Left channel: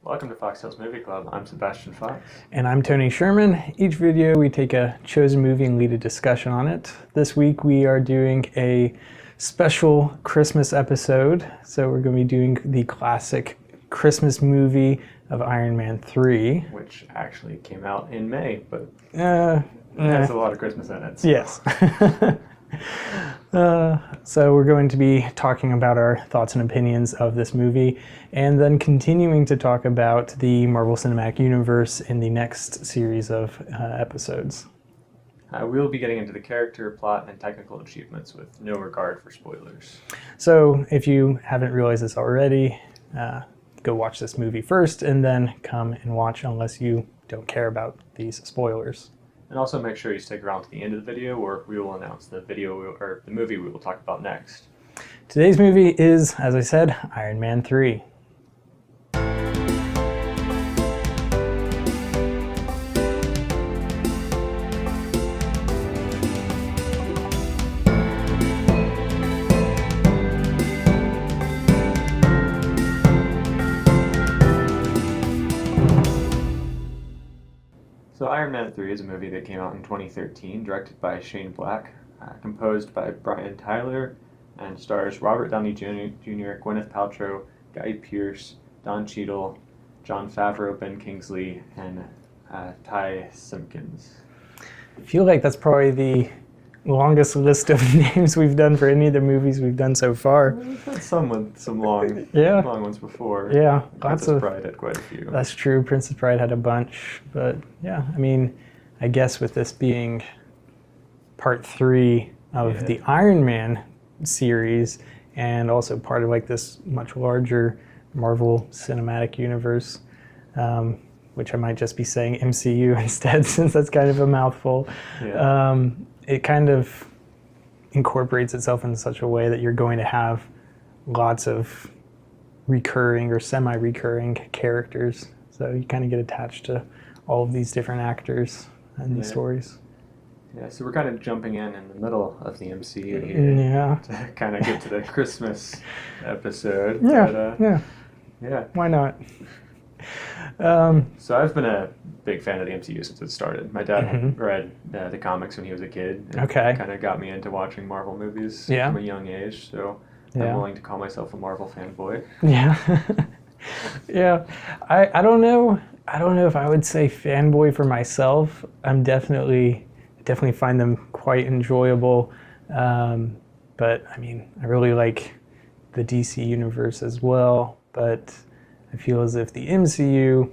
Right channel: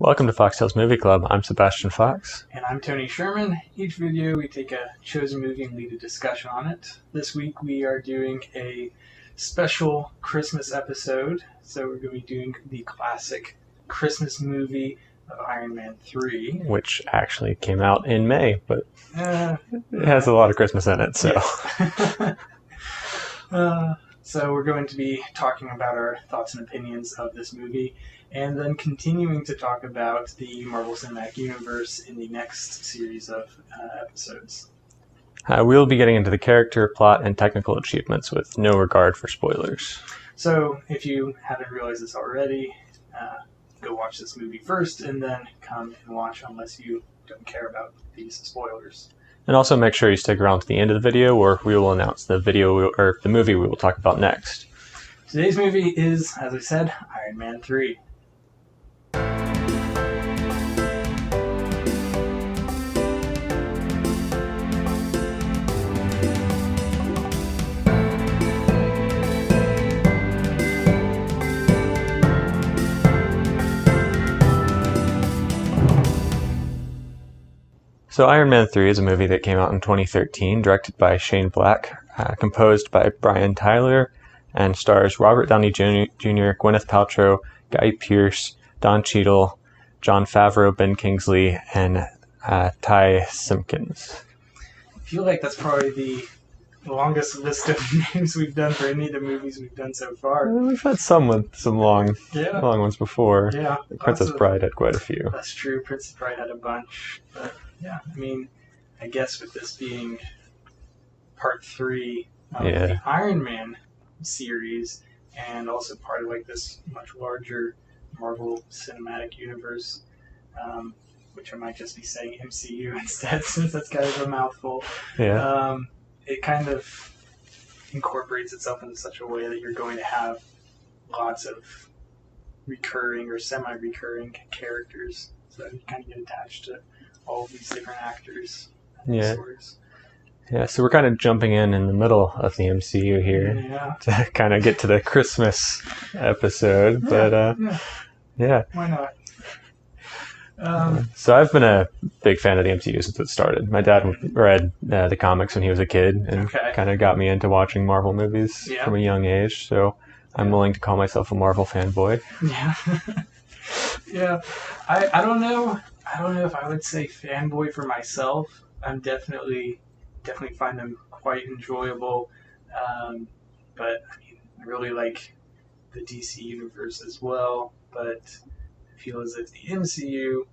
Welcome to FoxTales Movie Club. I'm Sebastian Fox. And I'm Tony Sherman. Each video we take a chosen movie and lead a discussion on it. This week we are doing a special Christmas episode. So we're going to be doing the classic Christmas movie of Iron Man 3. Which actually came out in May, but it has a lot of Christmas in it. So. Yes. So we're going to be talking about our thoughts and opinions of this movie, and then continuing to talk about the Marvel Cinematic Universe in the next series of episodes. We'll be getting into the character, plot, and technical achievements with no regard for spoilers. So if you haven't realized this already, go watch this movie first and then come and watch unless you don't care about these spoilers. And also make sure you stick around to the end of the video where we will announce the movie we will talk about next. Today's movie is, as I said, Iron Man 3. So Iron Man 3 is a movie that came out in 2013, directed by Shane Black, composed by Brian Tyler, and stars Robert Downey Jr., Gwyneth Paltrow, Guy Pearce, Don Cheadle, Jon Favreau, Ben Kingsley, and Ty Simpkins. I feel like that's probably the longest list of names we've done for any of the movies we've done so far. We've had some with some long ones before. Yeah. Princess Bride had quite a few. That's true. Princess Bride had a bunch. But yeah, I mean, I guess with this being part 3 of the Iron Man series, and also part of like this much larger Marvel Cinematic Universe, which I might just be saying MCU instead, since that's kind of a mouthful. Yeah. It kind of incorporates itself in such a way that you're going to have lots of recurring or semi-recurring characters. So you kind of get attached to all of these different actors and these stories. Yeah, so we're kind of jumping in the middle of the MCU here to kind of get to the Christmas episode. But why not? So I've been a big fan of the MCU since it started. My dad read the comics when he was a kid and kind of got me into watching Marvel movies from a young age. So I'm willing to call myself a Marvel fanboy. Yeah. Yeah. I don't know. I don't know if I would say fanboy for myself. I'm definitely find them quite enjoyable. But I mean, I really like the DC universe as well. But I feel as if the MCU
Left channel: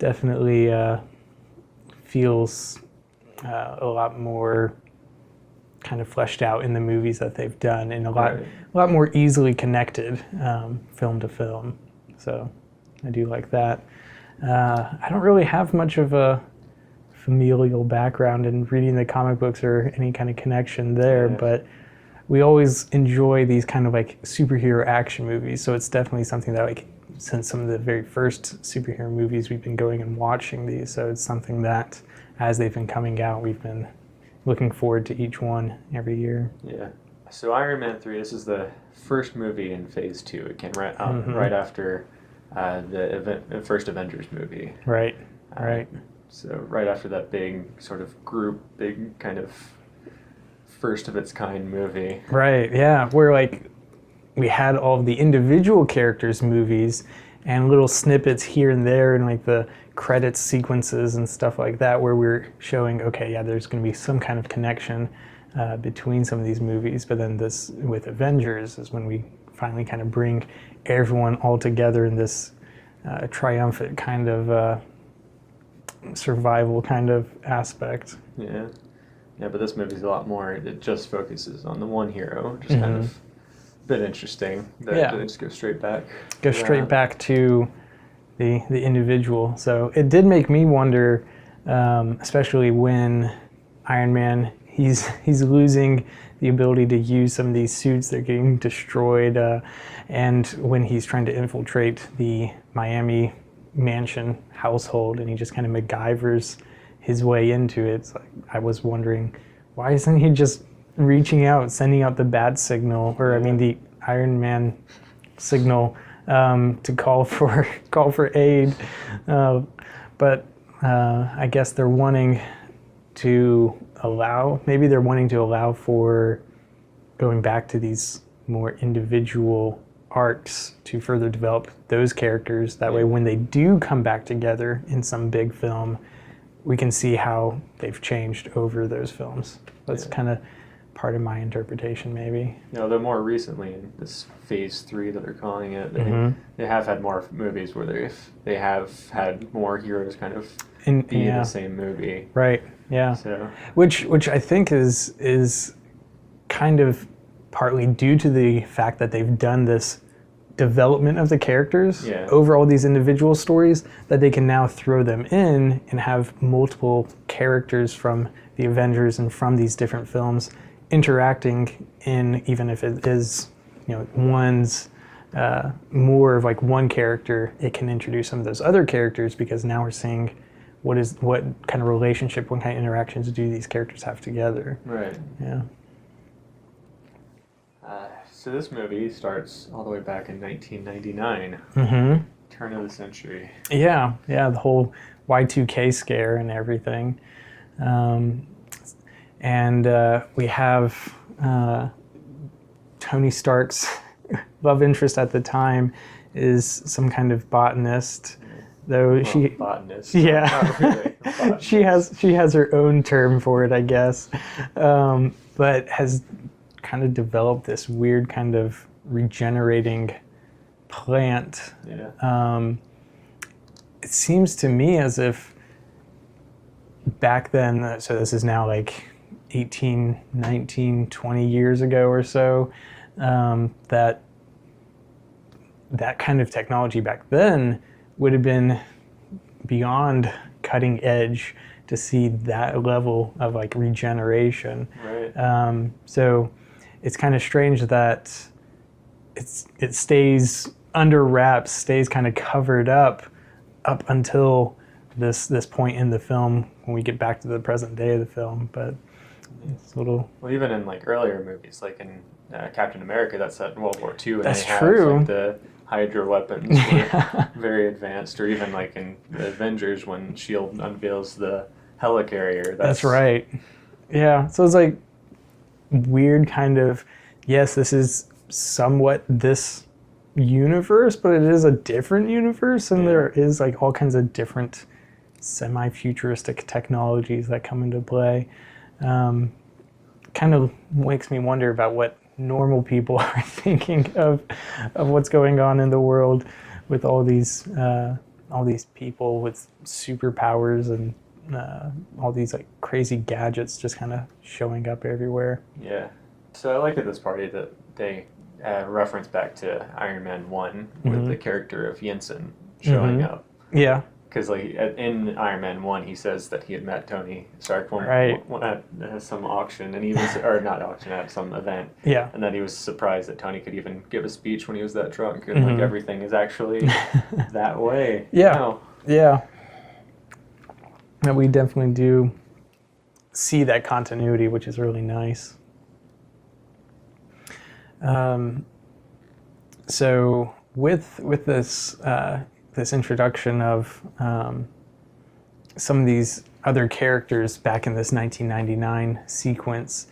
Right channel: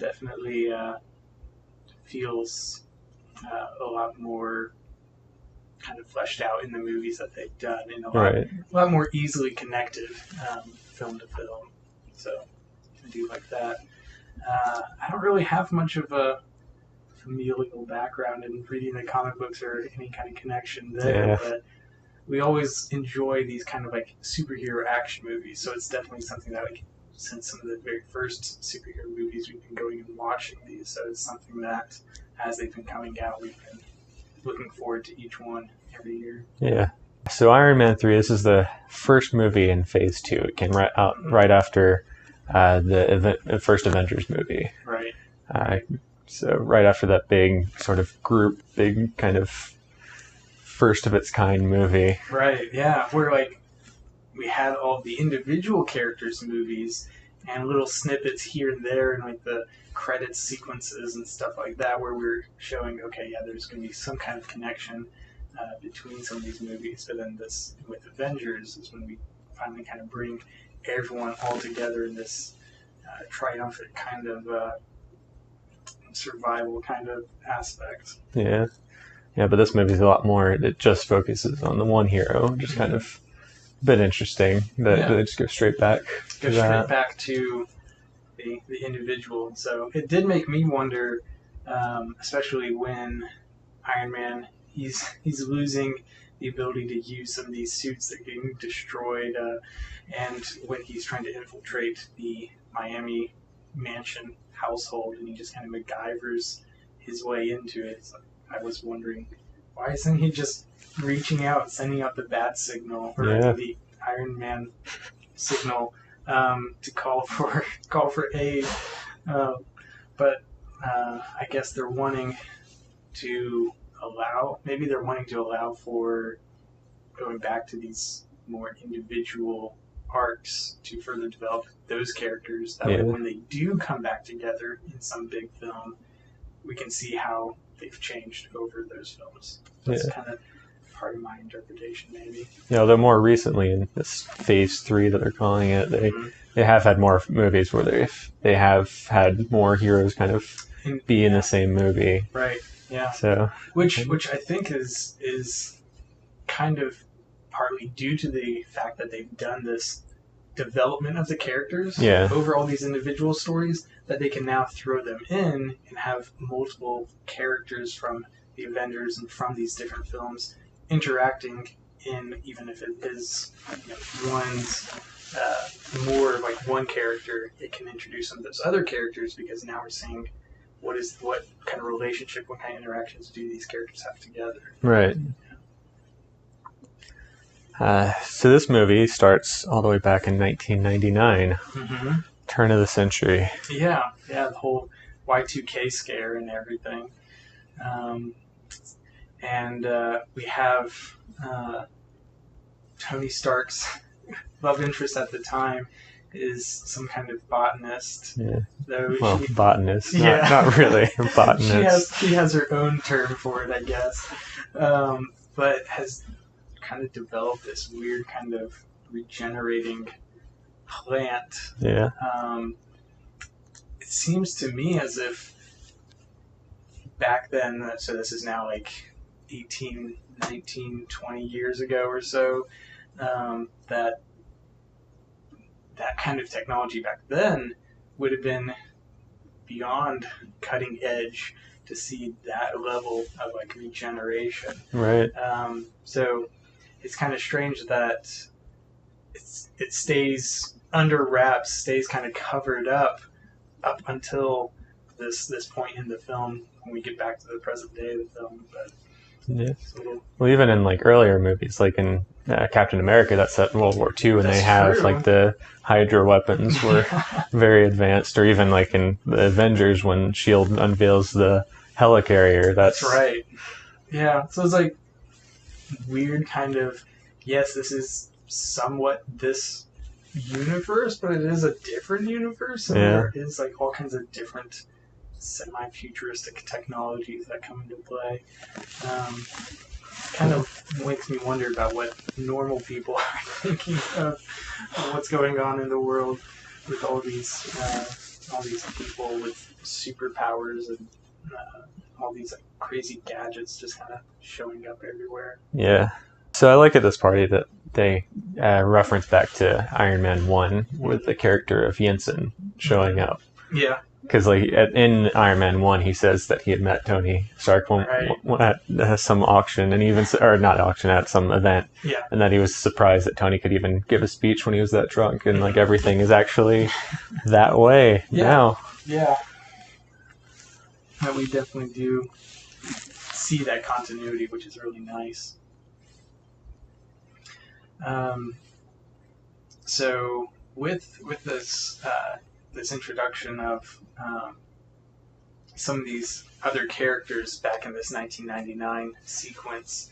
definitely feels a lot more kind of fleshed out in the movies that they've done, and a lot more easily connected film to film. So I do like that. I don't really have much of a familial background in reading the comic books or any kind of connection there, but we always enjoy these kind of like superhero action movies. So it's definitely something that, like, since some of the very first superhero movies, we've been going and watching these. So it's something that, as they've been coming out, we've been looking forward to each one every year. Yeah. So Iron Man 3, this is the first movie in Phase 2. It came right after the first Avengers movie. Right. So right after that big sort of big kind of first of its kind movie. Right, yeah. Where like we had all of the individual characters' movies and little snippets here and there and like the credits sequences and stuff like that, where we're showing, okay, yeah, there's going to be some kind of connection between some of these movies. But then this with Avengers is when we finally kind of bring everyone all together in this triumphant kind of survival kind of aspect. Yeah, but this movie's a lot more, it just focuses on the one hero, just kind of a bit interesting that they just go straight back to the individual. So it did make me wonder, especially when Iron Man, he's losing the ability to use some of these suits, they're getting destroyed, and when he's trying to infiltrate the Miami mansion household and he just kind of MacGyvers his way into it. It's like, I was wondering, why isn't he just reaching out, sending out the bat signal, or the Iron Man signal to call for aid. But I guess they're wanting to allow for going back to these more individual arcs to further develop those characters. That way, when they do come back together in some big film, we can see how they've changed over those films. That's kind of part of my interpretation, maybe. Though more recently in this phase 3 that they're calling it, they have had more movies where they have had more heroes kind of be in the same movie. Right. Yeah. So which I think is kind of partly due to the fact that they've done this development of the characters over all these individual stories, that they can now throw them in and have multiple characters from the Avengers and from these different films interacting in, even if it is, one's more of like one character, it can introduce some of those other characters, because now we're seeing what kind of relationship, what kind of interactions do these characters have together. Right. Yeah. So this movie starts all the way back in 1999, turn of the century. Yeah, the whole Y2K scare and everything. And we have Tony Stark's love interest at the time is some kind of botanist. Botanist. Not really a botanist. She has her own term for it, I guess, but has kind of developed this weird kind of regenerating plant. Yeah. It seems to me as if back then, so this is now like 18, 19, 20 years ago or so, that kind of technology back then would have been beyond cutting edge to see that level of like regeneration. Right. So it's kind of strange that it stays under wraps, stays kind of covered up until this point in the film when we get back to the present day of the film. But it's a little... Well, even in like earlier movies, like in Captain America, that's set in World War II, and That's they have true. like the Hydra weapons were very advanced, or even like in the Avengers when S.H.I.E.L.D. unveils the helicarrier. That's right. Yeah, so it's like weird kind of, yes, this is somewhat this universe, but it is a different universe, and there is like all kinds of different semi-futuristic technologies that come into play. Kind of makes me wonder about what normal people are thinking of what's going on in the world with all these people with superpowers and all these like crazy gadgets just kind of showing up everywhere. Yeah. So I like at this party that they reference back to Iron Man 1 with the character of Yinsen showing up. Yeah. Because like in Iron Man 1, he says that he had met Tony Stark at some auction, and not auction, at some event. Yeah. And that he was surprised that Tony could even give a speech when he was that drunk, and like everything is actually that way. Now. Yeah. And we definitely do see that continuity, which is really nice. So with this this introduction of some of these other characters back in this 1999 sequence,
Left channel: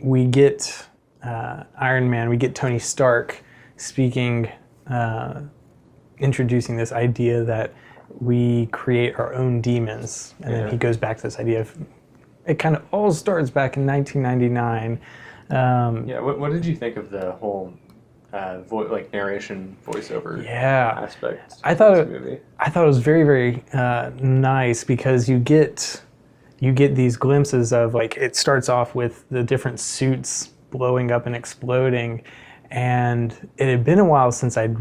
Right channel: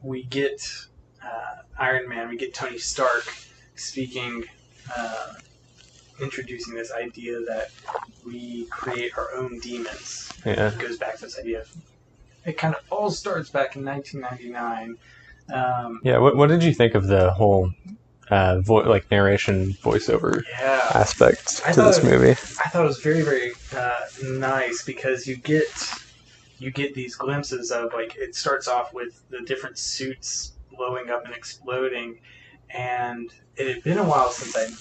we get Iron Man, we get Tony Stark speaking, introducing this idea that we create our own demons. And he goes back to this idea of, it kind of all starts back in 1999. What did you think of the whole narration voiceover aspect to this movie? I thought it was very, very nice, because you get these glimpses of, like, it starts off with the different suits blowing up and exploding, and it had been a while since I'd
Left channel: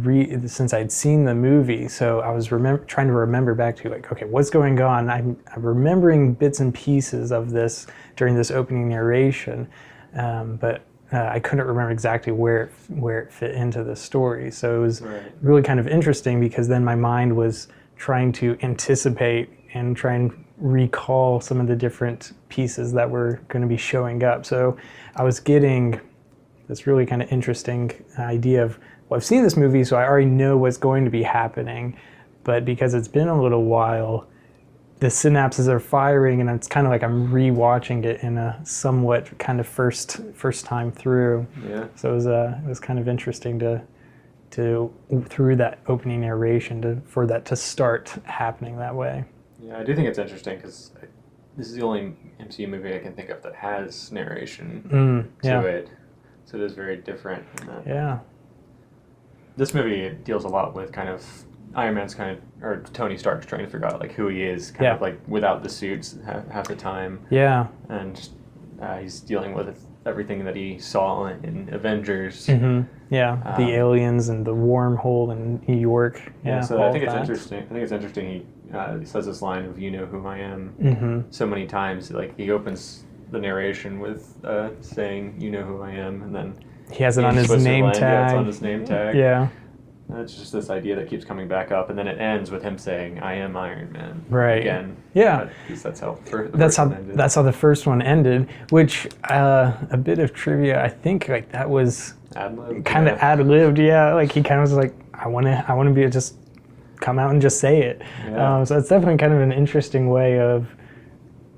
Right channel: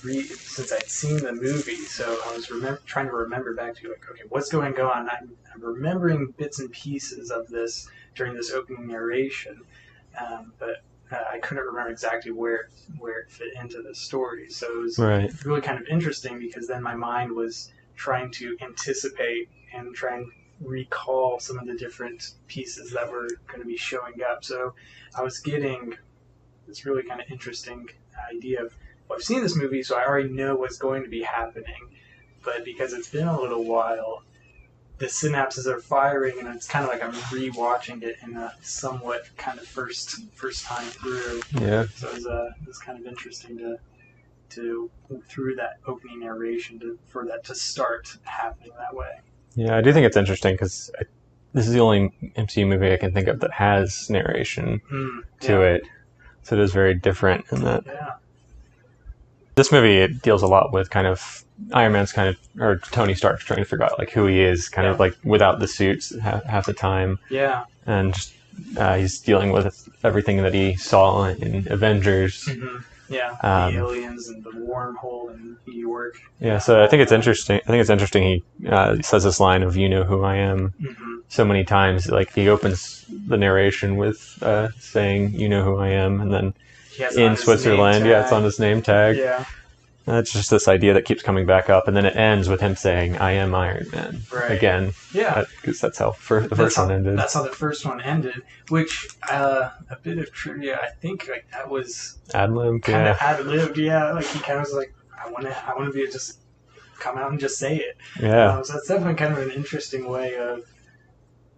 seen the movie, so I was trying to remember back to, like, okay, what's going on? I'm remembering bits and pieces of this during this opening narration, but I couldn't remember exactly where it fit into the story. So it was really kind of interesting, because then my mind was trying to anticipate and try and recall some of the different pieces that were going to be showing up. So I was getting this really kind of interesting idea of, well, I've seen this movie, so I already know what's going to be happening, but because it's been a little while, the synapses are firing, and it's kind of like I'm rewatching it in a somewhat kind of first time through. Yeah. So it was kind of interesting to through that opening narration for that to start happening that way. Yeah, I do think it's interesting because this is the only MCU movie I can think of that has narration to it, so it is very different in that. Yeah. This movie, it deals a lot with kind of Iron Man's or Tony Stark's trying to figure out like who he is, kind of like without the suits half the time. Yeah. And just he's dealing with everything that he saw in Avengers. Mm-hmm. Yeah, the aliens and the wormhole in New York. Yeah, so I think it's interesting. I think it's interesting. He says this line of "You know who I am" so many times. Like he opens the narration with saying "You know who I am," and then he has it on his name tag. Yeah, it's on his name tag. Yeah. And it's just this idea that keeps coming back up, and then it ends with him saying, "I am Iron Man." Right. Again. Yeah. Because that's how the first one ended. That's how the first one ended. Which a bit of trivia, I think like that was ad-libbed. Kind of ad-libbed. Yeah. Like he kind of was like, I want to be just come out and just say it. Yeah. So it's definitely kind of an interesting way of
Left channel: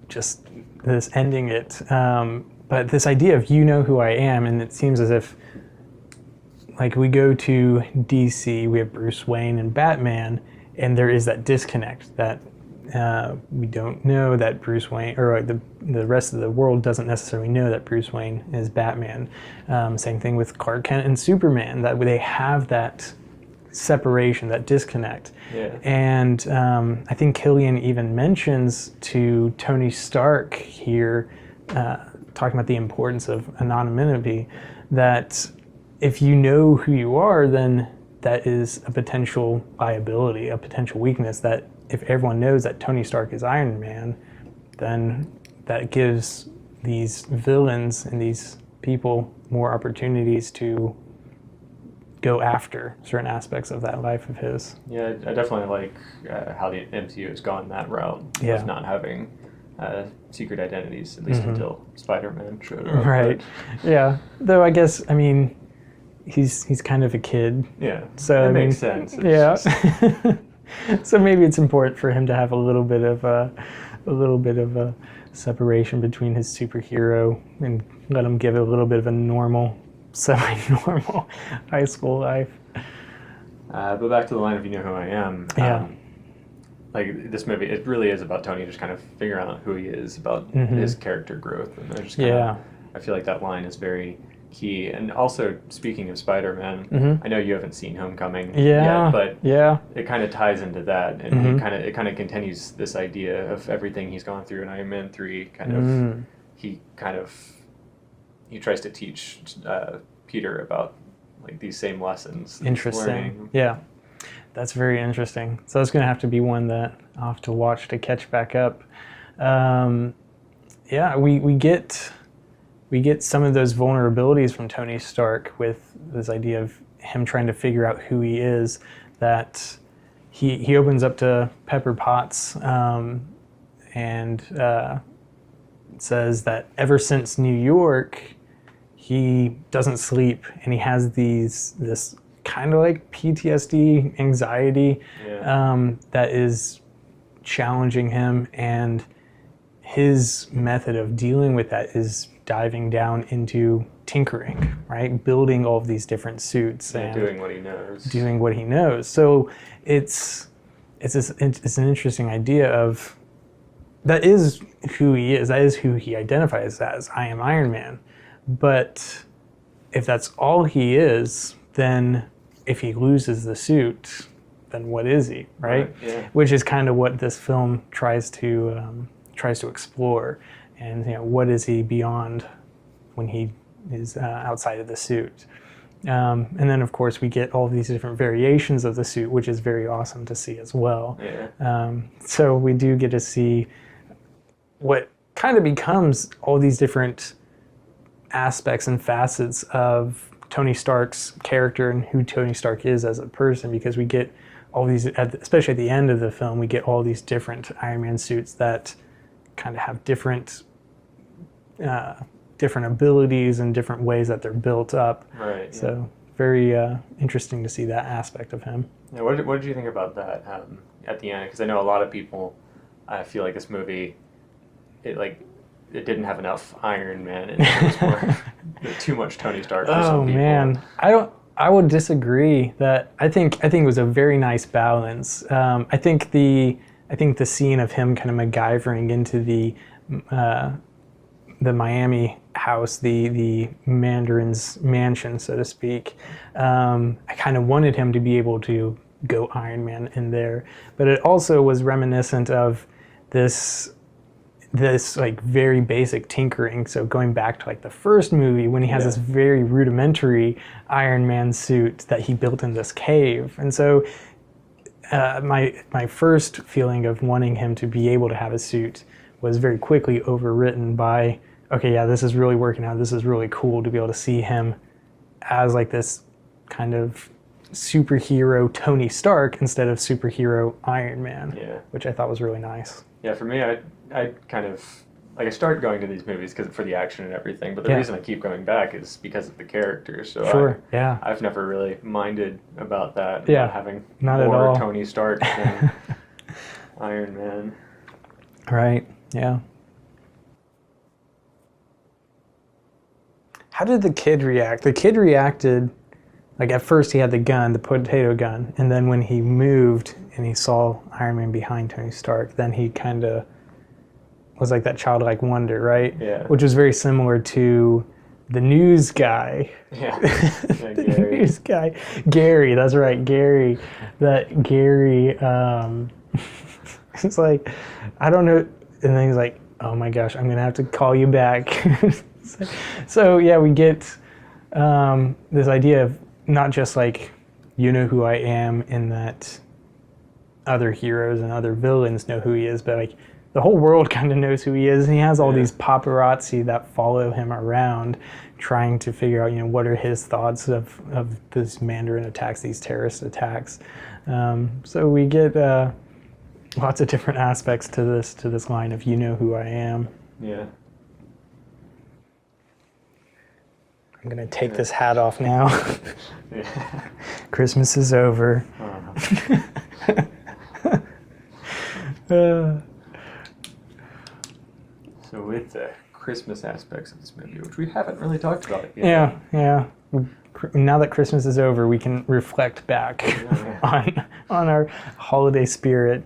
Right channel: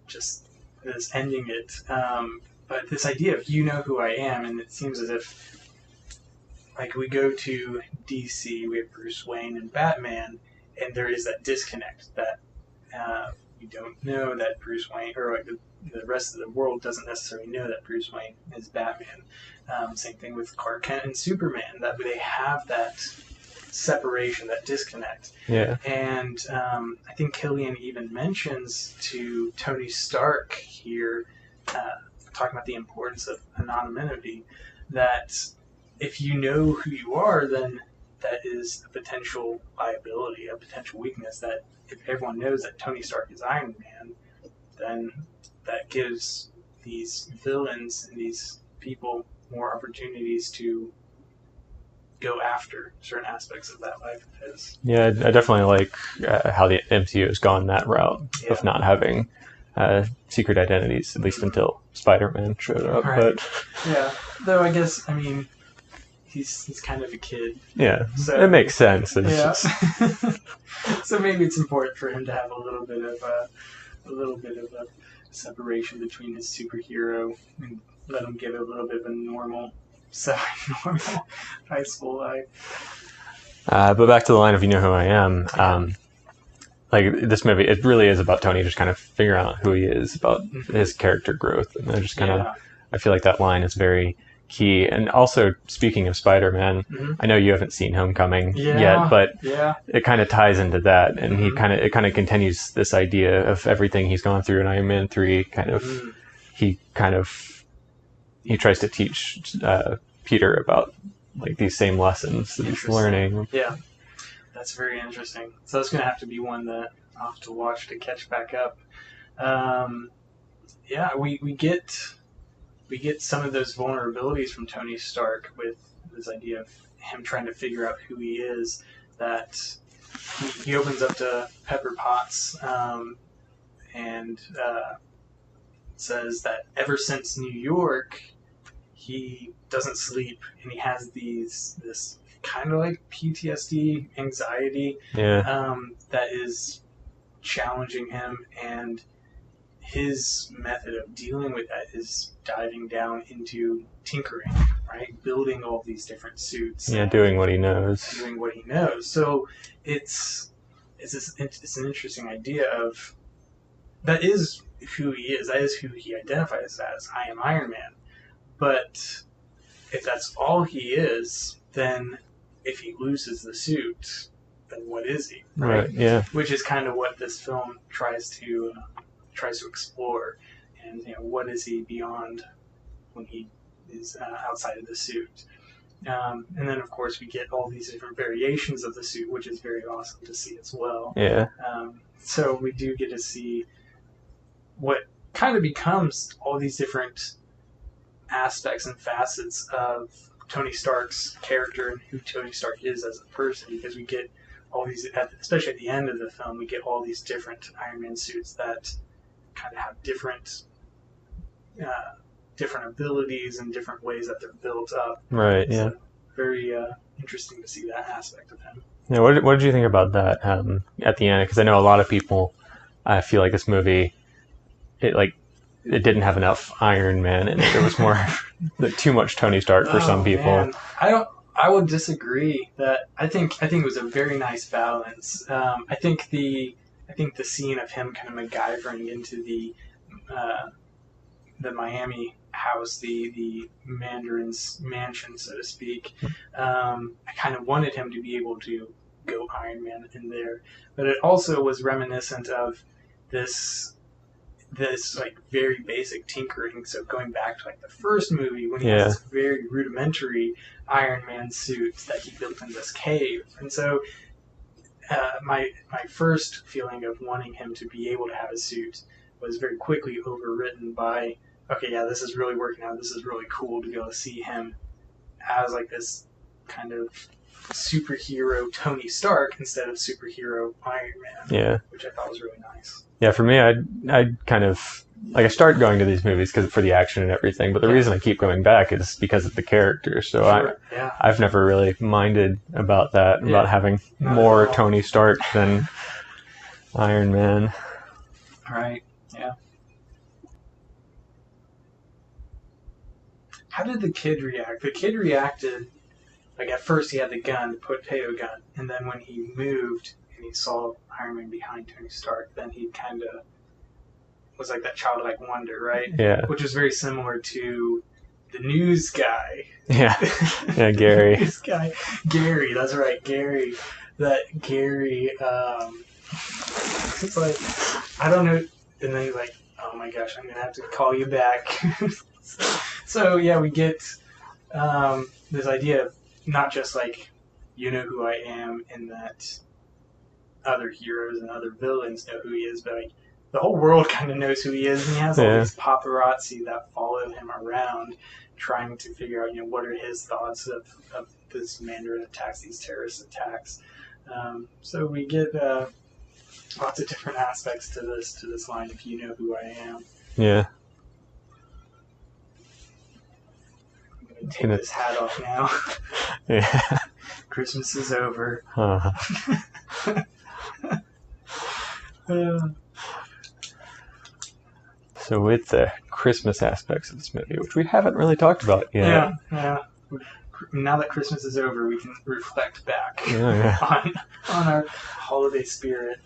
just this ending it. But this idea of you know who I am, and it seems as if. Like we go to DC, we have Bruce Wayne and Batman, and there is that disconnect that we don't know that Bruce Wayne, or the rest of the world doesn't necessarily know that Bruce Wayne is Batman. Same thing with Clark Kent and Superman, that they have that separation, that disconnect. Yeah. And I think Killian even mentions to Tony Stark here, talking about the importance of anonymity, that if you know who you are, then that is a potential liability, a potential weakness, that if everyone knows that Tony Stark is Iron Man, then that gives these villains and these people more opportunities to go after certain aspects of that life of his. Yeah, I definitely like how the MCU has gone that route of not having secret identities, at least until Spider-Man showed up. Right. Yeah. Though I guess, I mean, he's kind of a kid. Yeah, so that makes sense. Yeah. So maybe it's important for him to have a little bit of a separation between his superhero and let him give it a little bit of a normal, semi-normal high school life. But back to the line of "You know who I am." Like this movie, it really is about Tony just kind of figuring out who he is, about his character growth, and just kind of. I feel like that line is very key. And also, speaking of Spider-Man, I know you haven't seen Homecoming yet, but it kind of ties into that, and it kind of continues this idea of everything he's gone through in Iron Man 3. He tries to teach Peter about like these same lessons that he's learning. Yeah, that's very interesting. So it's going to have to be one that I'll have to watch to catch back up. We get some of those vulnerabilities from Tony Stark with this idea of him trying to figure out who he is, that he opens up to Pepper Potts and says that ever since New York, he doesn't sleep, and he has this kind of like PTSD, anxiety that is challenging him, and his method of dealing with that is diving down into tinkering, right? Building all of these different suits. Yeah, doing what he knows. So it's an interesting idea of that is who he is. That is who he identifies as. I am Iron Man. But if that's all he is, then if he loses the suit, then what is he, right? Yeah. Which is kind of what this film tries to explore, and what is he beyond when he is outside of the suit. And then of course we get all these different variations of the suit, which is very awesome to see as well. Yeah. So we do get to see what kind of becomes all these different aspects and facets of Tony Stark's character and who Tony Stark is as a person, because we get all these, especially at the end of the film, we get all these different Iron Man suits that kind of have different different abilities and different ways that they're built up. Right. Yeah. So very interesting to see that aspect of him. Yeah. What did you think about that at the end? Because I know a lot of people feel like this movie, it didn't have enough Iron Man in it. It was more too much Tony Stark for some people. Man. I would disagree. That I think it was a very nice balance. I think the scene of him kind of MacGyvering into the Miami house, the Mandarin's mansion, so to speak. I kind of wanted him to be able to go Iron Man in there, but it also was reminiscent of this like very basic tinkering. So going back to like the first movie when he has this very rudimentary Iron Man suit that he built in this cave, and so my first feeling of wanting him to be able to have a suit was very quickly overwritten by, okay, yeah, this is really working out. This is really cool to be able to see him as like this kind of superhero Tony Stark instead of superhero Iron Man. Yeah. Which I thought was really nice. Yeah, for me, I kind of, like, I start going to these movies for the action and everything, but the reason I keep going back is because of the characters. So I've never really minded about that, about having more Tony Stark than Iron Man. Right, yeah. How did the kid react? The kid reacted, like at first he had the gun, the potato gun, and then when he moved and he saw Iron Man behind Tony Stark, then he kind of was like that childlike wonder, right? Yeah. Which was very similar to the news guy. Yeah. Yeah, Gary. The news guy. Gary, that's right, Gary. That Gary, it's like, I don't know, and then he's like, oh my gosh, I'm gonna have to call you back. So yeah, we get this idea of not just like, you know who I am, in that other heroes and other villains know who he is, but like the whole world kind of knows who he is, and he has all these paparazzi that follow him around trying to figure out, what are his thoughts of this Mandarin attacks, these terrorist attacks. So we get lots of different aspects to this line of, you know who I am. Yeah. I'm going to take this hat off now. Yeah. Christmas is over. So with the Christmas aspects of this movie, which we haven't really talked about yet. Yeah. Now that Christmas is over, we can reflect back on our holiday spirit.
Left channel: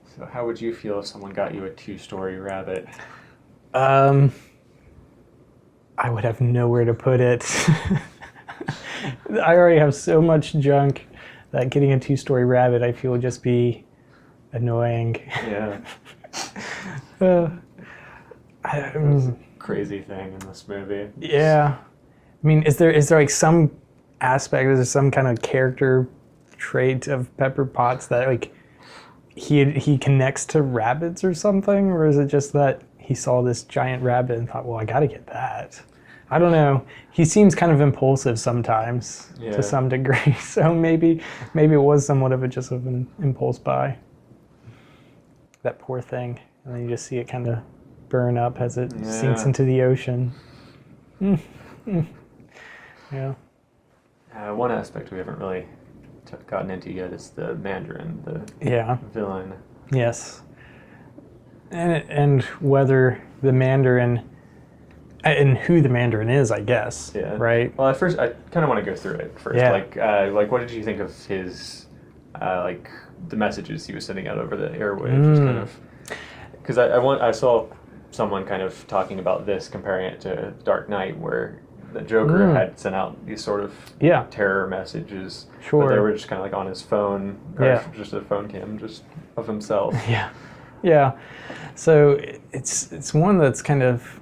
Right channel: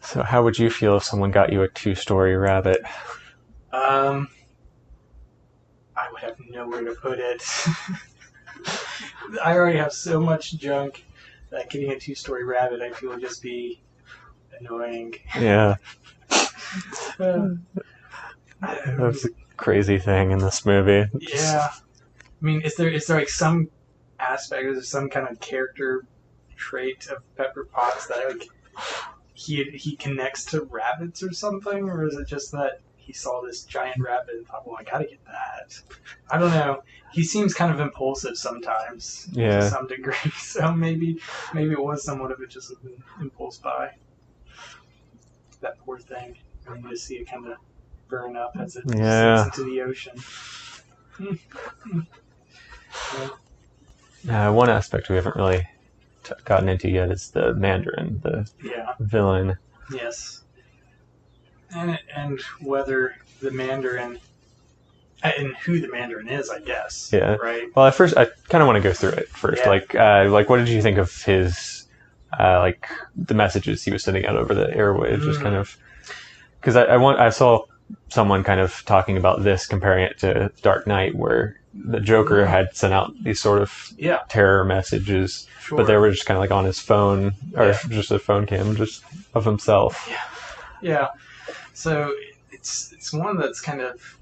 So how would you feel if someone got you a 2-story rabbit? I would have nowhere to put it. I already have so much junk that getting a 2-story rabbit, I feel, would just be annoying. Yeah. That's a crazy thing in this movie. Yeah. I mean, is there like some aspect, is there some kind of character trait of Pepper Potts that like he connects to rabbits or something? Or is it just that he saw this giant rabbit and thought, well, I gotta get that? I don't know. He seems kind of impulsive sometimes to some degree. So maybe it was somewhat of an impulse buy. That poor thing. And then you just see it kind of burn up as it sinks into the ocean. One aspect we haven't really gotten into yet is the Mandarin, the villain. Yes. And whether the Mandarin, and who the Mandarin is, I guess. Yeah. Right? Well, at first, I kind of want to go through it first. Yeah. Like, what did you think of his, the messages he was sending out over the airwaves? Just kind of, because I saw someone kind of talking about this, comparing it to Dark Knight, where the Joker had sent out these sort of terror messages, but they were just kind of like on his phone, or just a phone cam, just of himself. Yeah. Yeah. So it's one that's kind of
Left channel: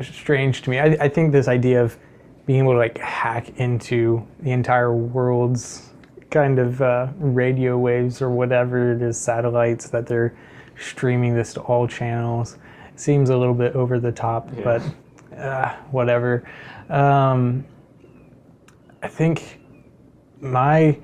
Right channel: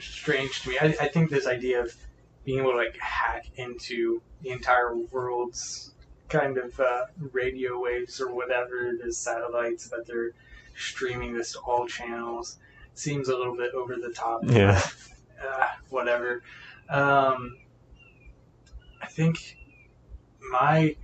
strange to me. I think this idea of being able to like hack into the entire world's kind of radio waves or whatever it is, satellites that they're streaming this to all channels, seems a little bit over the top, but whatever. I think I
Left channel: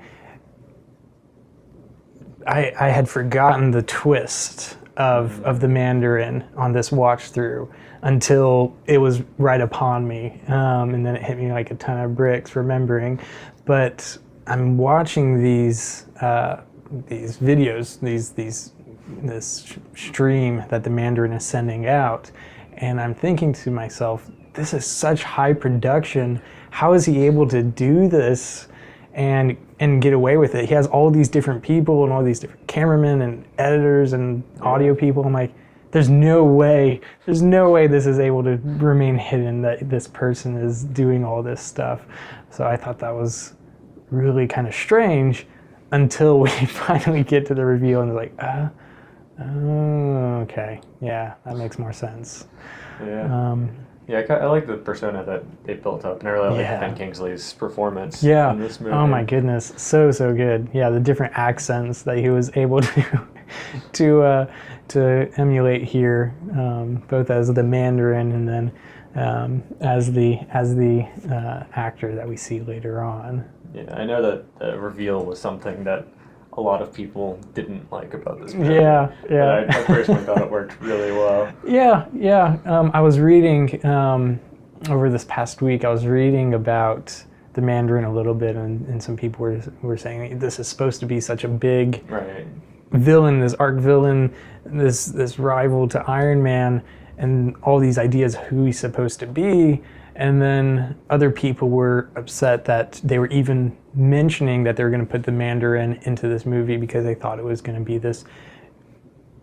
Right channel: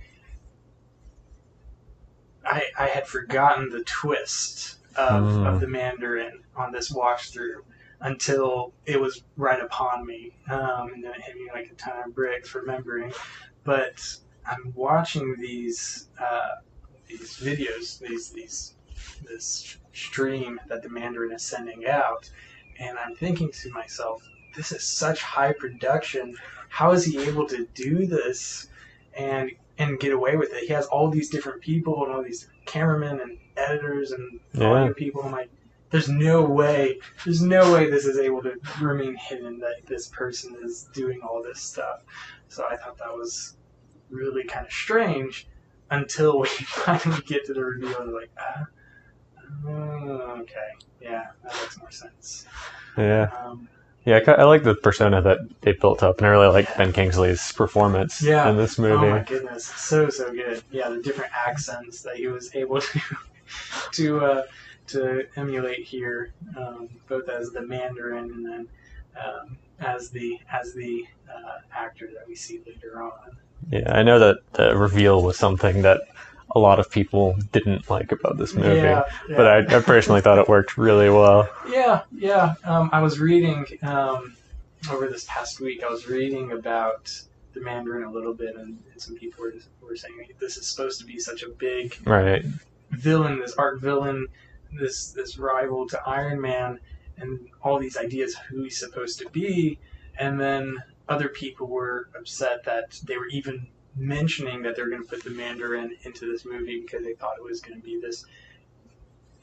had forgotten the twist of the Mandarin on this watch through. until it was right upon me, and then it hit me like a ton of bricks remembering. But I'm watching these videos, this stream that the Mandarin is sending out, and I'm thinking to myself, this is such high production. How is he able to do this and get away with it? He has all these different people and all these different cameramen and editors and audio people. I'm like, there's no way this is able to remain hidden, that this person is doing all this stuff. So I thought that was really kind of strange until we finally get to the reveal and like, oh, okay, yeah, that makes more sense. Yeah. Yeah, I like the persona that they built up, and I really like Ben Kingsley's performance in this movie. Oh my goodness, so good. Yeah, the different accents that he was able to emulate here, both as the Mandarin and then as the actor that we see later on. Yeah, I know that the reveal was something that a lot of people didn't like about this movie. But I personally thought it worked really well. I was reading over this past week. I was reading about the Mandarin a little bit, and some people were saying this is supposed to be such a big villain, this arch villain, this rival to Iron Man, and all these ideas who he's supposed to be. And then other people were upset that they were even mentioning that they were going to put the Mandarin into this movie because they thought it was going to be this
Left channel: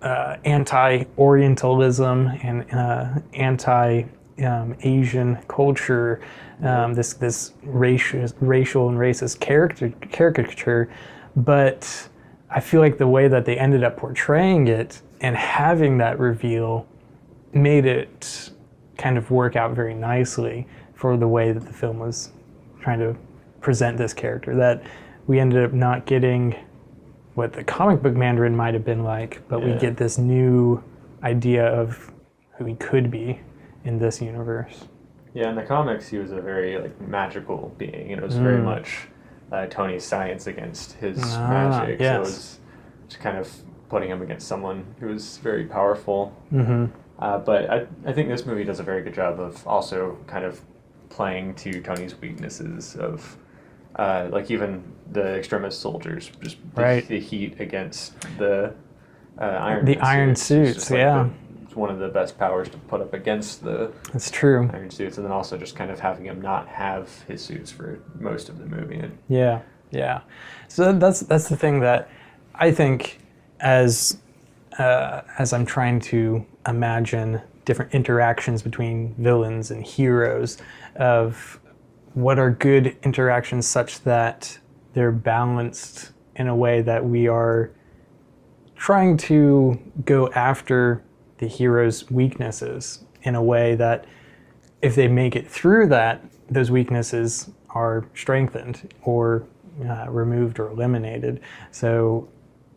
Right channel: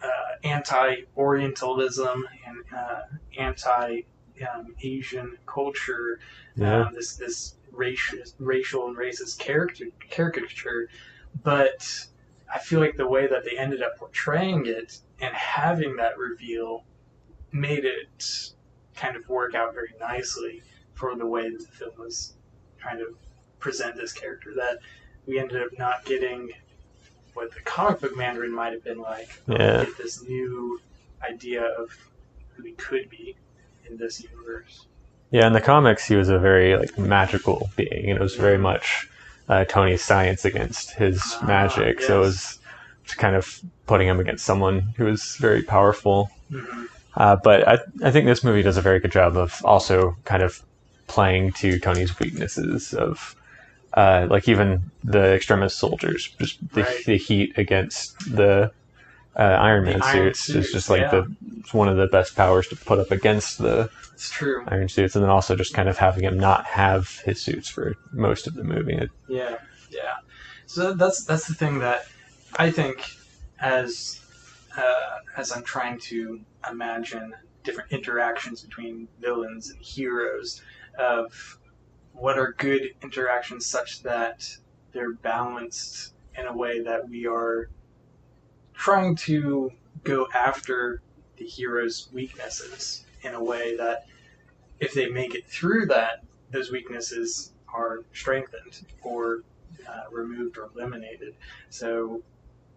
anti-Orientalism and anti-Asian culture, this racial and racist caricature. But I feel like the way that they ended up portraying it and having that reveal made it kind of work out very nicely for the way that the film was trying to present this character, that we ended up not getting what the comic book Mandarin might have been like, but we get this new idea of who he could be in this universe. Yeah, in the comics he was a very magical being, and it was very much Tony's science against his magic. So it was just kind of putting him against someone who was very powerful. But I think this movie does a very good job of also kind of playing to Tony's weaknesses of, even the extremist soldiers, just the heat against the Iron Man suits. It's just it's one of the best powers to put up against the Iron suits, and then also just kind of having him not have his suits for most of the movie. So that's the thing that I think as I'm trying to imagine different interactions between villains and heroes, of what are good interactions such that they're balanced in a way that we are trying to go after the hero's weaknesses in a way that if they make it through that, those weaknesses are strengthened or removed or eliminated. So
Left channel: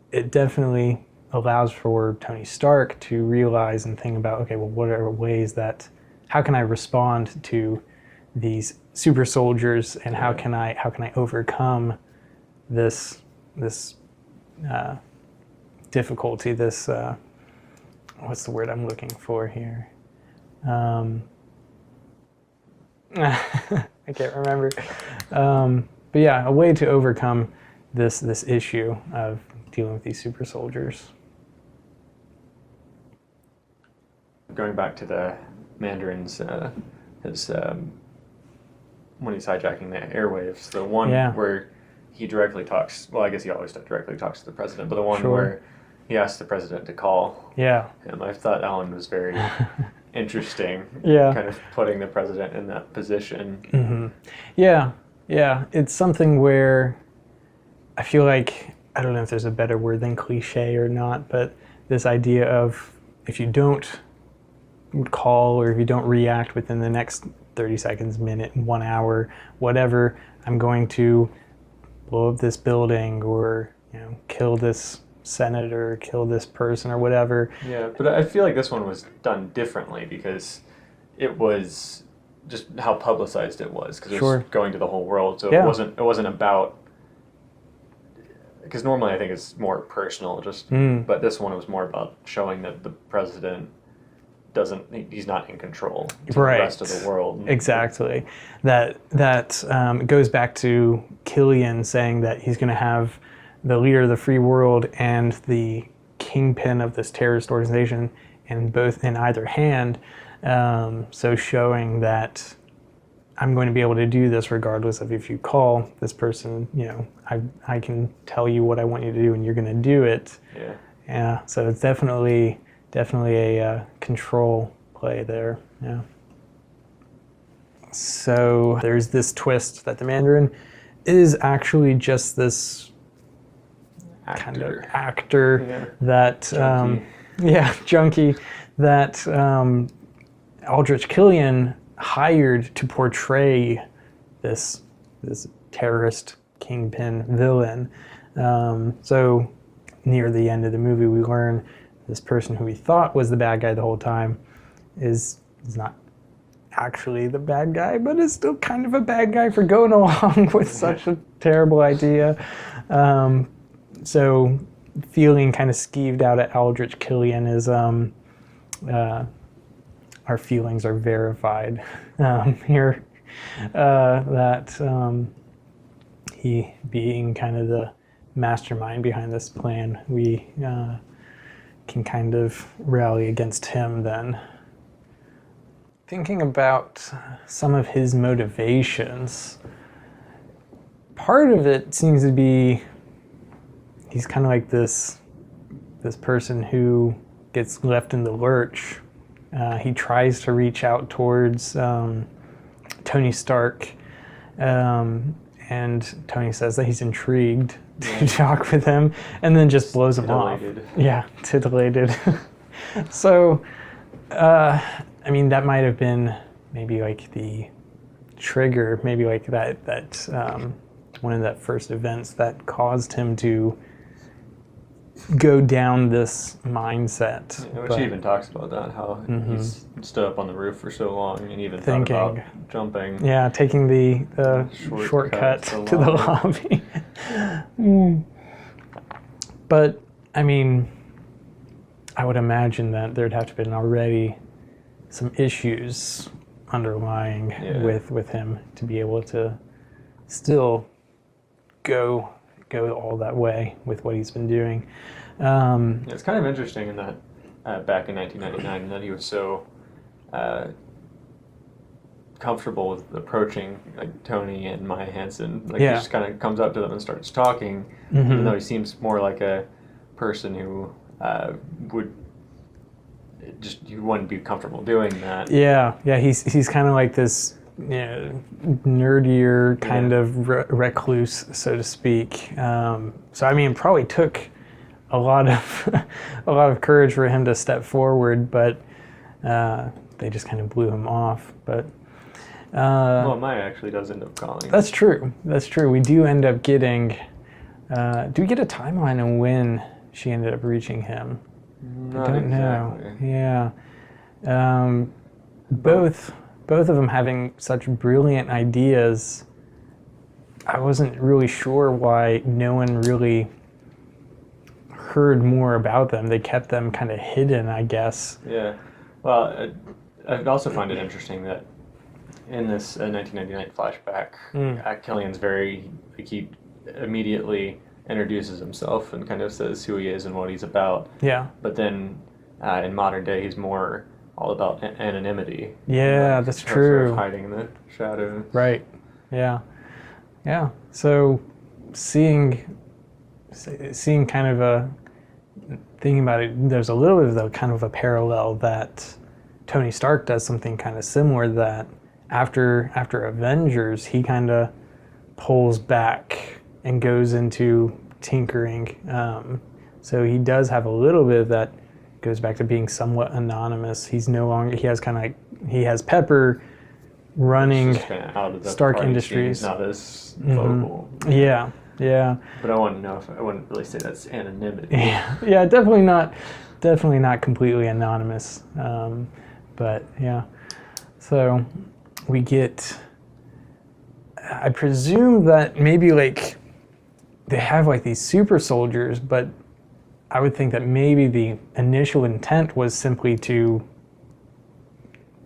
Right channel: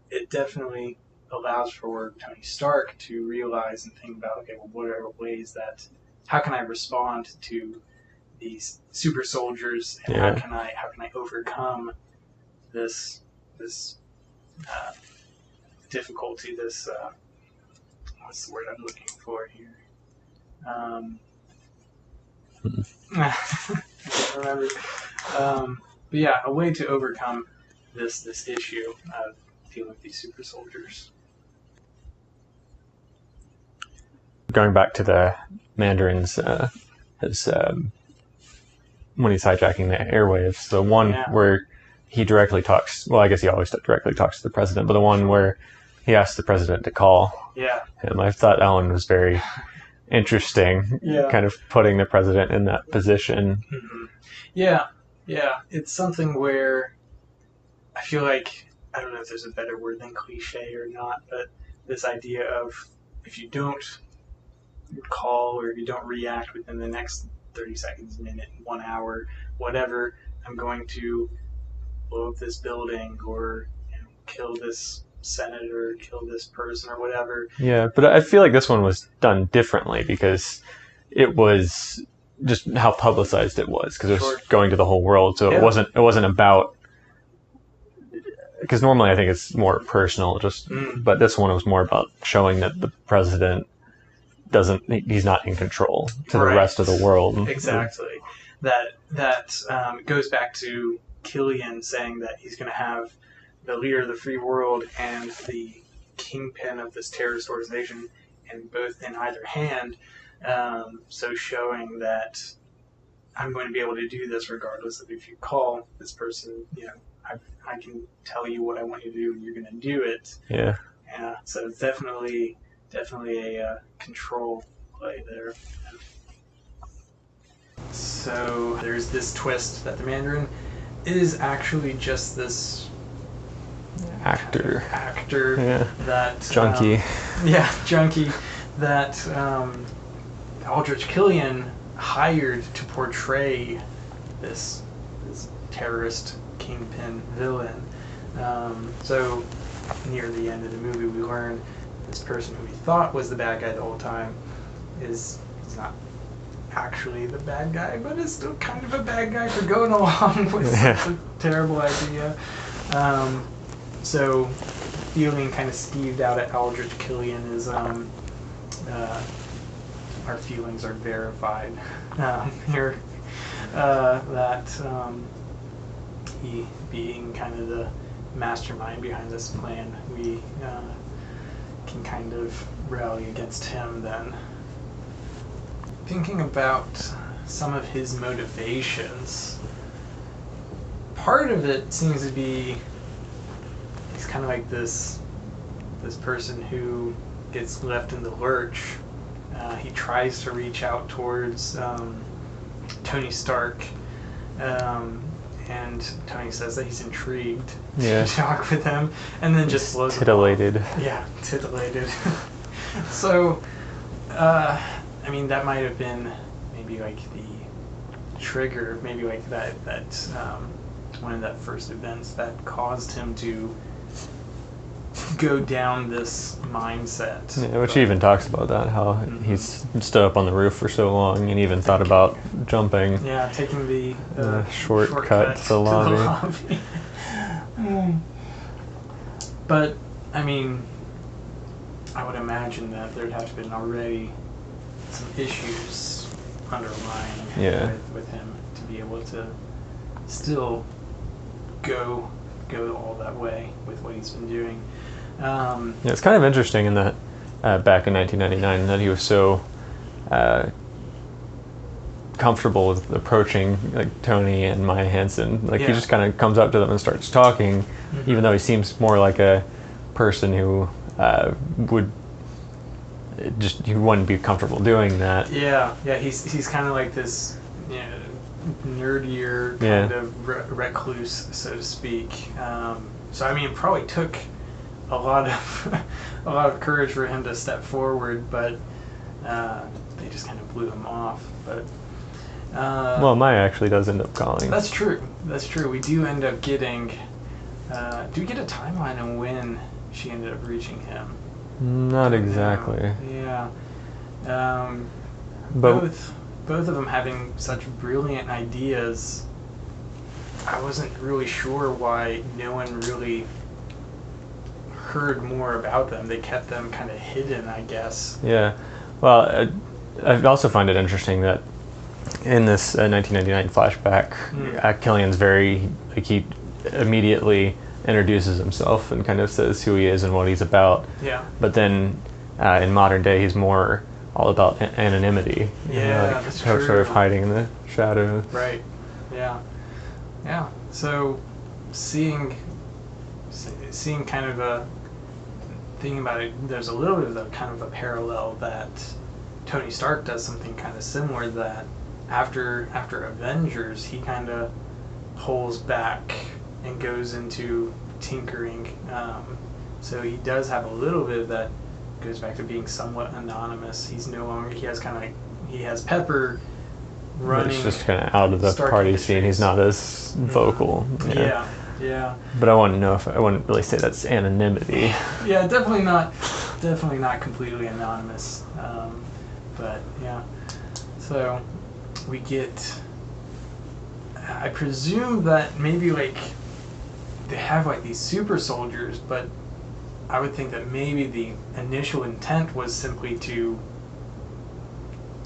it definitely allows for Tony Stark to realize and think about, okay, well, what are ways that, how can I respond to these super soldiers, and how can I overcome this difficulty, this what's the word I'm looking for here? I can't remember. But yeah, a way to overcome this issue of dealing with these super soldiers. Going back to the Mandarin's when he's hijacking the airwaves, the one where he directly talks, well, I guess he always directly talks to the president, but the one where he asked the president to call him, I thought that one was very interesting, kind of putting the president in that position. It's something where I feel like, I don't know if there's a better word than cliche or not, but this idea of if you don't call or if you don't react within the next 30 seconds, minute, 1 hour, whatever, I'm going to blow up this building or kill this senator, kill this person or whatever. Yeah, but I feel like this one was done differently because it was just how publicized it was, because it was going to the whole world. So it wasn't about, because normally I think it's more personal, but this one was more about showing that the president he's not in control to Right. the rest of the world. Exactly. That goes back to Killian saying that he's going to have the leader of the free world and the kingpin of this terrorist organization in either hand. So showing that I'm going to be able to do this regardless of if you call this person. I can tell you what I want you to do, and you're going to do it. Yeah. Yeah. So it's definitely a control play there. Yeah. So there's this twist that the Mandarin is actually just this Actor. actor that Junkie. junkie that Aldrich Killian hired to portray this terrorist kingpin villain. So near the end of the movie, we learn this person who we thought was the bad guy the whole time is not actually the bad guy, but is still kind of a bad guy for going along with such a terrible idea. So feeling kind of skeeved out at Aldrich Killian is our feelings are verified here. That he being kind of the mastermind behind this plan, we can kind of rally against him then. Thinking about some of his motivations, part of it seems to be he's kind of like this person who gets left in the lurch. He tries to reach out towards Tony Stark, and Tony says that he's intrigued to talk with him, and then just blows him off. Yeah, titillated. So, I mean, that might have been maybe like the trigger, maybe like that one of that first events that caused him to go down this mindset. Yeah, which he even talks about that, how he's stood up on the roof for so long and even thought about jumping. Yeah, taking the shortcut to the lobby. But, I mean, I would imagine that there'd have to have been already some issues underlying with him to be able to still go all that way with what he's been doing. It's kind of interesting in that back in 1999 that he was so comfortable with approaching like Tony and Maya Hansen. Like he just kind of comes up to them and starts talking, even though he seems more like a person who you wouldn't be comfortable doing that. Yeah. He's kind of like this, nerdier kind of recluse, so to speak. So I mean, it probably took a lot of courage for him to step forward, but they just kind of blew him off. But well, Maya actually does end up calling. That's true. We do end up getting. Do we get a timeline on when she ended up reaching him? Not exactly. Yeah. Both of them having such brilliant ideas. I wasn't really sure why no one really heard more about them. They kept them kind of hidden, I guess. Yeah. Well, I also find it interesting that in this 1999 flashback, Killian's he immediately introduces himself and kind of says who he is and what he's about. Yeah. But then in modern day, he's more all about anonymity. Yeah, that's true. Sort of hiding in the shadows. Right. Yeah. Yeah. So seeing kind of thinking about it, there's a little bit of kind of a parallel that Tony Stark does something kind of similar, that after Avengers, he kind of pulls back and goes into tinkering. So he does have a little bit of that. Goes back to being somewhat anonymous. He's no longer. He has Pepper running. He's just kind of out of the Stark party Industries. scene. He's not as vocal. Yeah. But I wouldn't really say that's anonymity. Yeah, definitely not completely anonymous. But yeah. So we get. I presume that maybe like they have like these super soldiers, but I would think that maybe the initial intent was simply to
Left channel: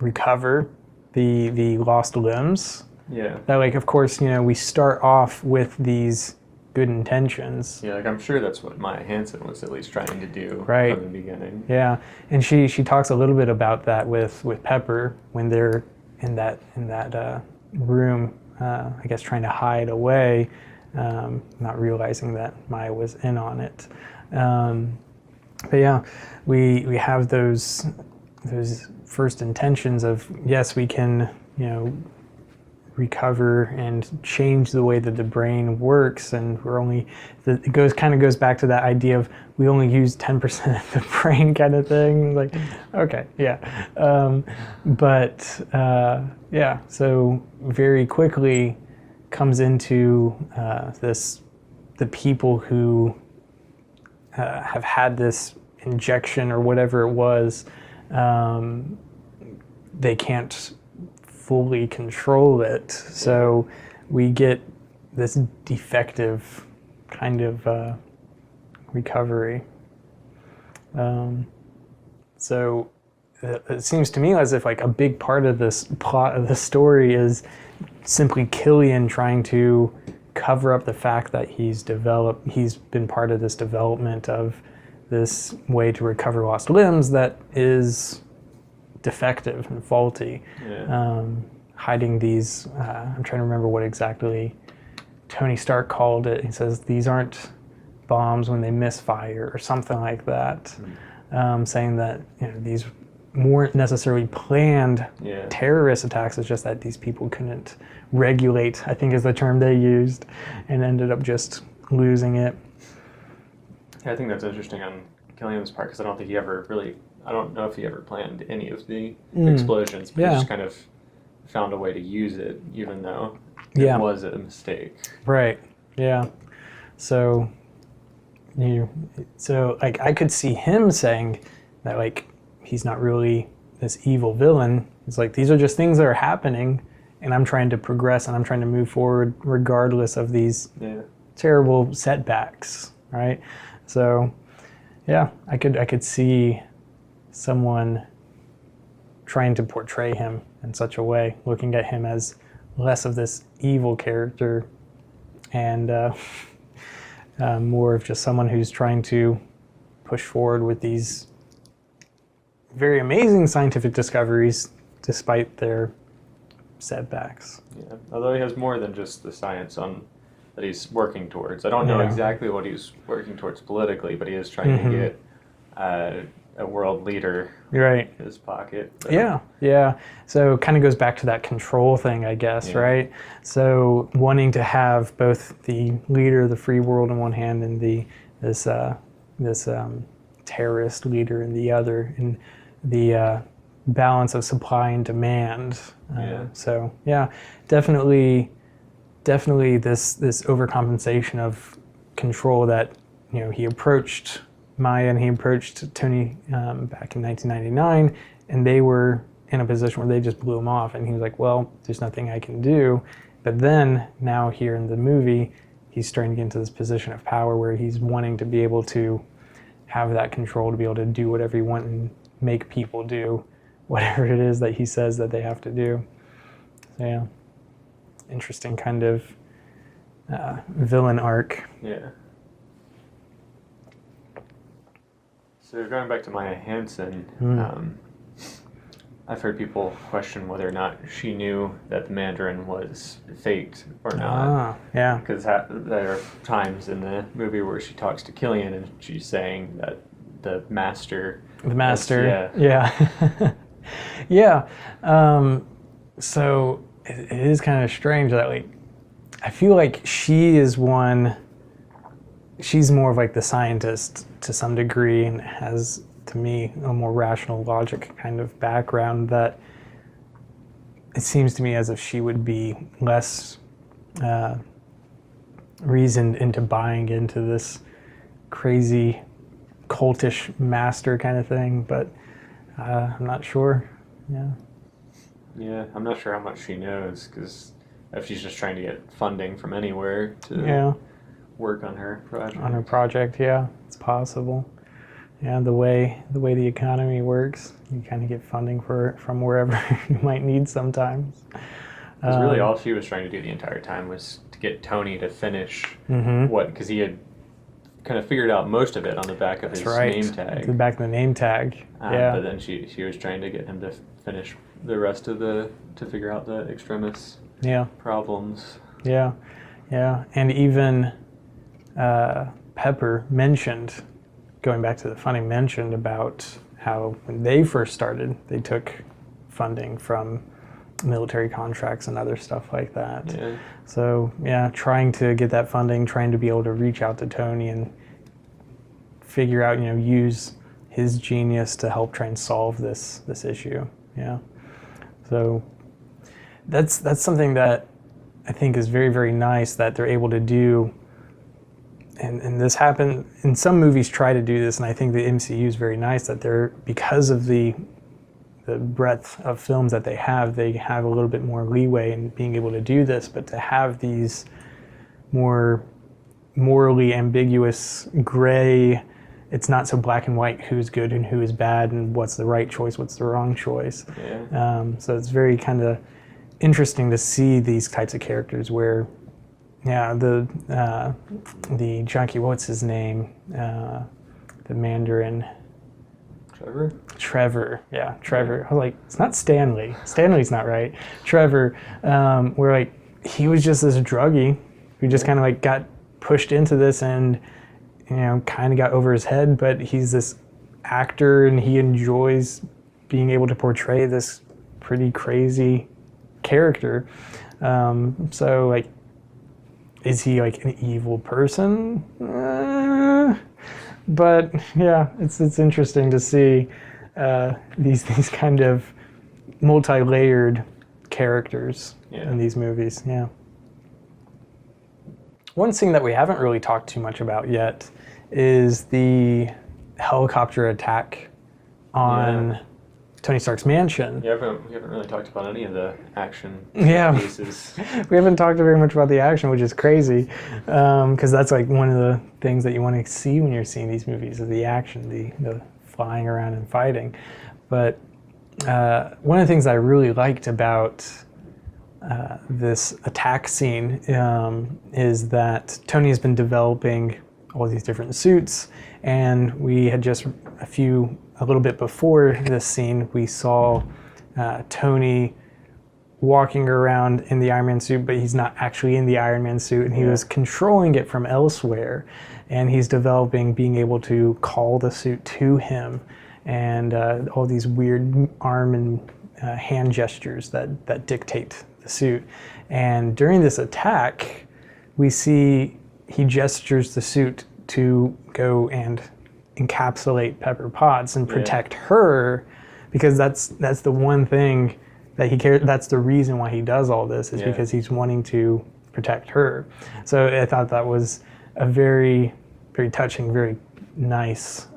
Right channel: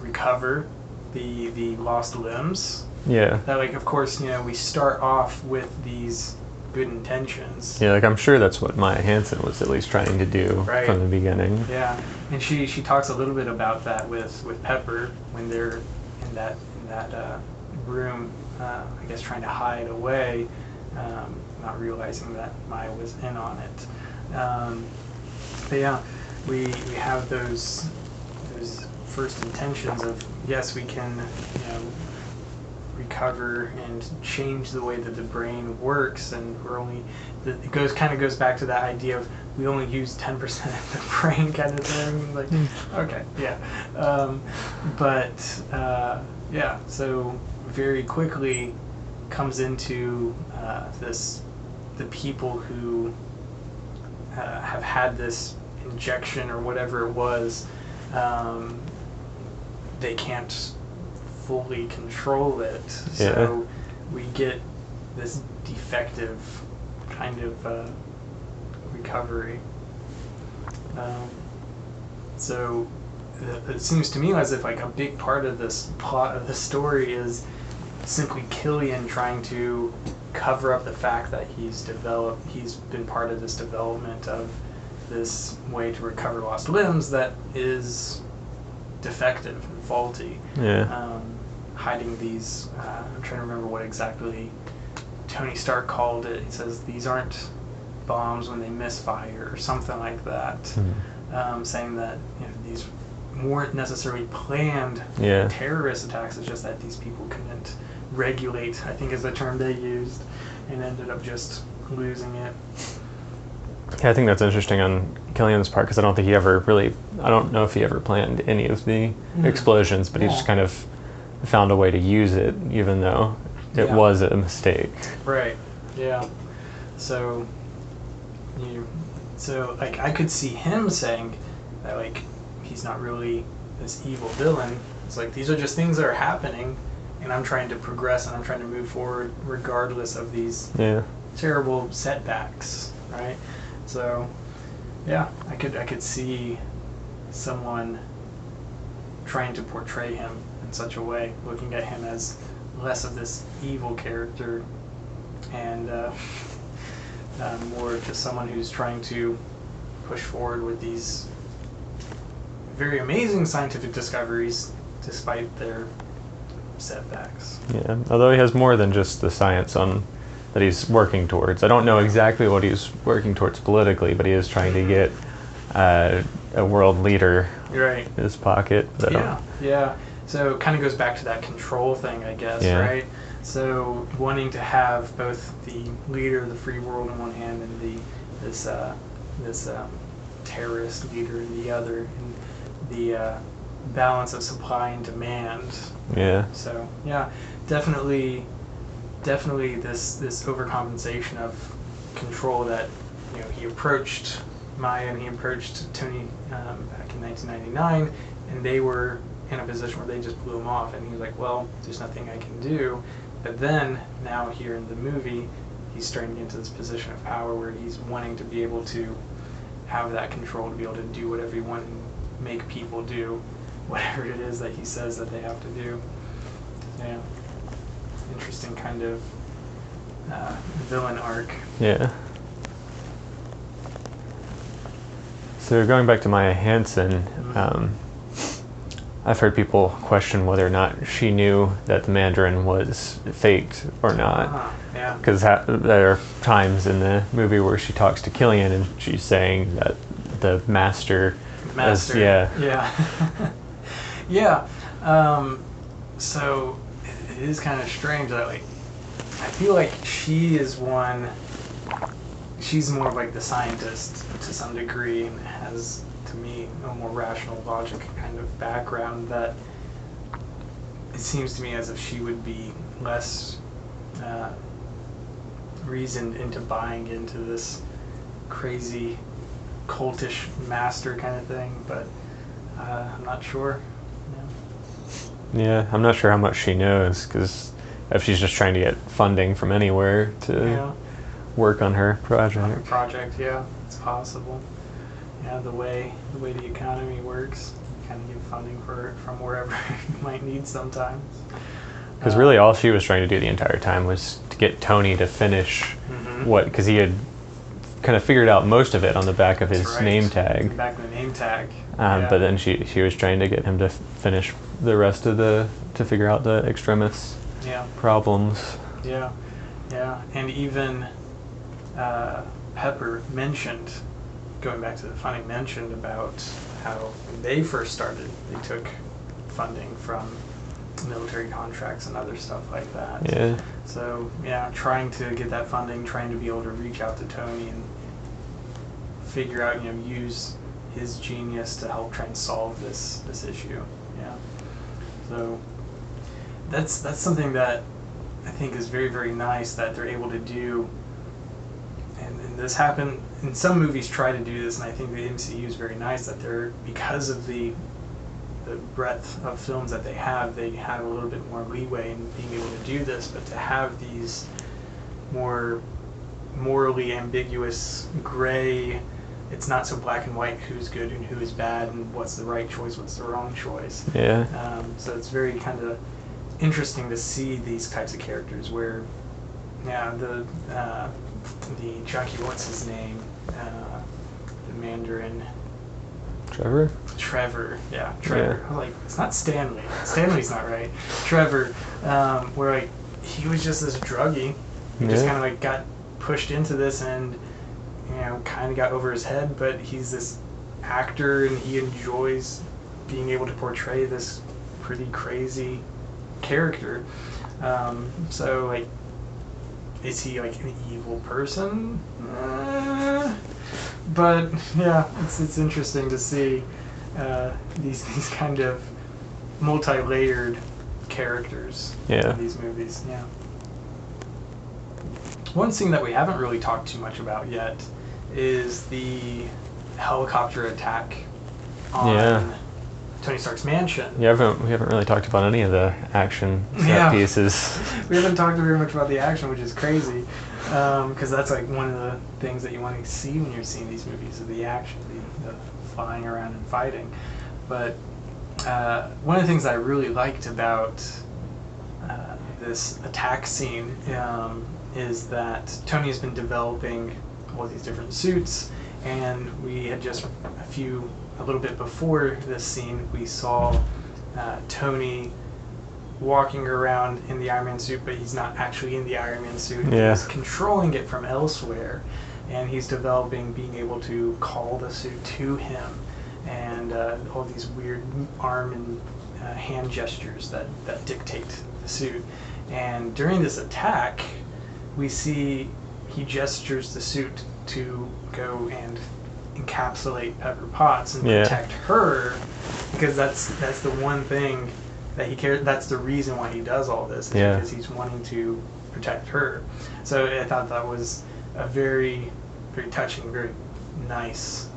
recover the lost limbs. Yeah. That, like, of course, we start off with these good intentions. Yeah, like I'm sure that's what Maya Hansen was at least trying to do Right. from the beginning. Yeah, and she talks a little bit about that with Pepper when they're in that room, I guess trying to hide away, not realizing that Maya was in on it. But yeah, we have those first intentions of, yes, we can recover and change the way that the brain works, and it goes back to that idea of we only use 10% of the brain kind of thing. Like, okay, yeah, yeah. So very quickly comes into the people who have had this injection or whatever it was. They can't fully control it, so we get this defective kind of recovery. So it seems to me as if like a big part of this plot of the story is simply Killian trying to cover up the fact that he's been part of this development of this way to recover lost limbs that is defective and faulty. Hiding these, I'm trying to remember what exactly Tony Stark called it. He says these aren't bombs when they misfire or something like that. Saying that these weren't necessarily planned terrorist attacks. It's just that these people couldn't regulate, I think is the term they used, and ended up just losing it. Yeah, I think that's interesting on Killian's part, because I don't know if he ever planned any of the explosions, but he just kind of found a way to use it, even though it was a mistake. Right. Yeah. So like I could see him saying that like he's not really this evil villain. It's like these are just things that are happening, and I'm trying to progress and I'm trying to move forward regardless of these terrible setbacks. Right. So yeah, I could see someone trying to portray him in such a way, looking at him as less of this evil character and more of just someone who's trying to push forward with these very amazing scientific discoveries despite their setbacks. Yeah, although he has more than just the science that he's working towards. I don't know exactly what he's working towards politically, but he is trying to get a world leader in his pocket. Yeah. So it kind of goes back to that control thing, I guess, right? So wanting to have both the leader of the free world in one hand and this terrorist leader in the other, and the balance of supply and demand. So yeah, definitely this overcompensation of control that he approached Maya and he approached Tony back in 1999, and they were in a position where they just blew him off, and he was like, well, there's nothing I can do. But then now here in the movie, he's starting to get into this position of power where he's wanting to be able to have that control, to be able to do whatever he wants and make people do whatever it is that he says that they have to do. Yeah, interesting kind of villain arc. Yeah. So going back to Maya Hansen, I've heard people question whether or not she knew that the Mandarin was faked or not. Because there are times in the movie where she talks to Killian and she's saying that the master. So it is kind of strange that like I feel like she's more of like the scientist to some degree, and has, to me, a more rational logic kind of background, that it seems to me as if she would be less reasoned into buying into this crazy cultish master kind of thing, but I'm not sure. Yeah, I'm not sure how much she knows, because if she's just trying to get funding from anywhere to work on her project. Yeah, it's possible. yeah, the way the economy works, you kind of get funding from wherever you might need sometimes. Because really, all she was trying to do the entire time was to get Tony to finish because he had kind of figured out most of it on the back of his name tag. The back of the name tag. But then she was trying to get him to finish the rest of to figure out the extremis problems. Yeah, and even Pepper mentioned, going back to the funding, mentioned about how when they first started, they took funding from military contracts and other stuff like that. Yeah. So trying to get that funding, trying to be able to reach out to Tony and figure out, use his genius to help try and solve this issue. Yeah. So that's something that I think is very, very nice that they're able to do. And this happened in some movies, try to do this, and I think the MCU is very nice that they're, because of the breadth of films that they have a little bit more leeway in being able to do this, but to have these more morally ambiguous gray, it's not so black and white who's good and who is bad and what's the right choice, what's the wrong choice. Yeah. So it's very kind of interesting to see these types of characters where the junkie, what's his name, the Mandarin, Trevor, yeah. I was like, it's not Stanley. Stanley's not right. Trevor, we're like, he was just this druggie. He just kind of like got pushed into this and, kind of got over his head, but he's this actor and he enjoys being able to portray this pretty crazy character. So like, is he like an evil person? But yeah, it's interesting to see these kind of multi-layered characters in these movies. Yeah. One scene that we haven't really talked too much about yet is the helicopter attack on Tony Stark's mansion. Yeah, we haven't really talked about any of the action set pieces. We haven't talked very much about the action, which is crazy, because that's like one of the things that you want to see when you're seeing these movies, is the action, the flying around and fighting. But one of the things I really liked about this attack scene is that Tony has been developing all these different suits, and we had just a little bit before this scene, we saw Tony walking around in the Iron Man suit, but he's not actually in the Iron Man suit. Yeah. He's controlling it from elsewhere, and he's developing being able to call the suit to him, and all these weird arm and hand gestures that dictate the suit. And during this attack, we see he gestures the suit to go and encapsulate Pepper Potts and protect her, because that's the one thing that he cares. That's the reason why he does all this, is because he's wanting to protect her. So I thought that was a very, very touching, very nice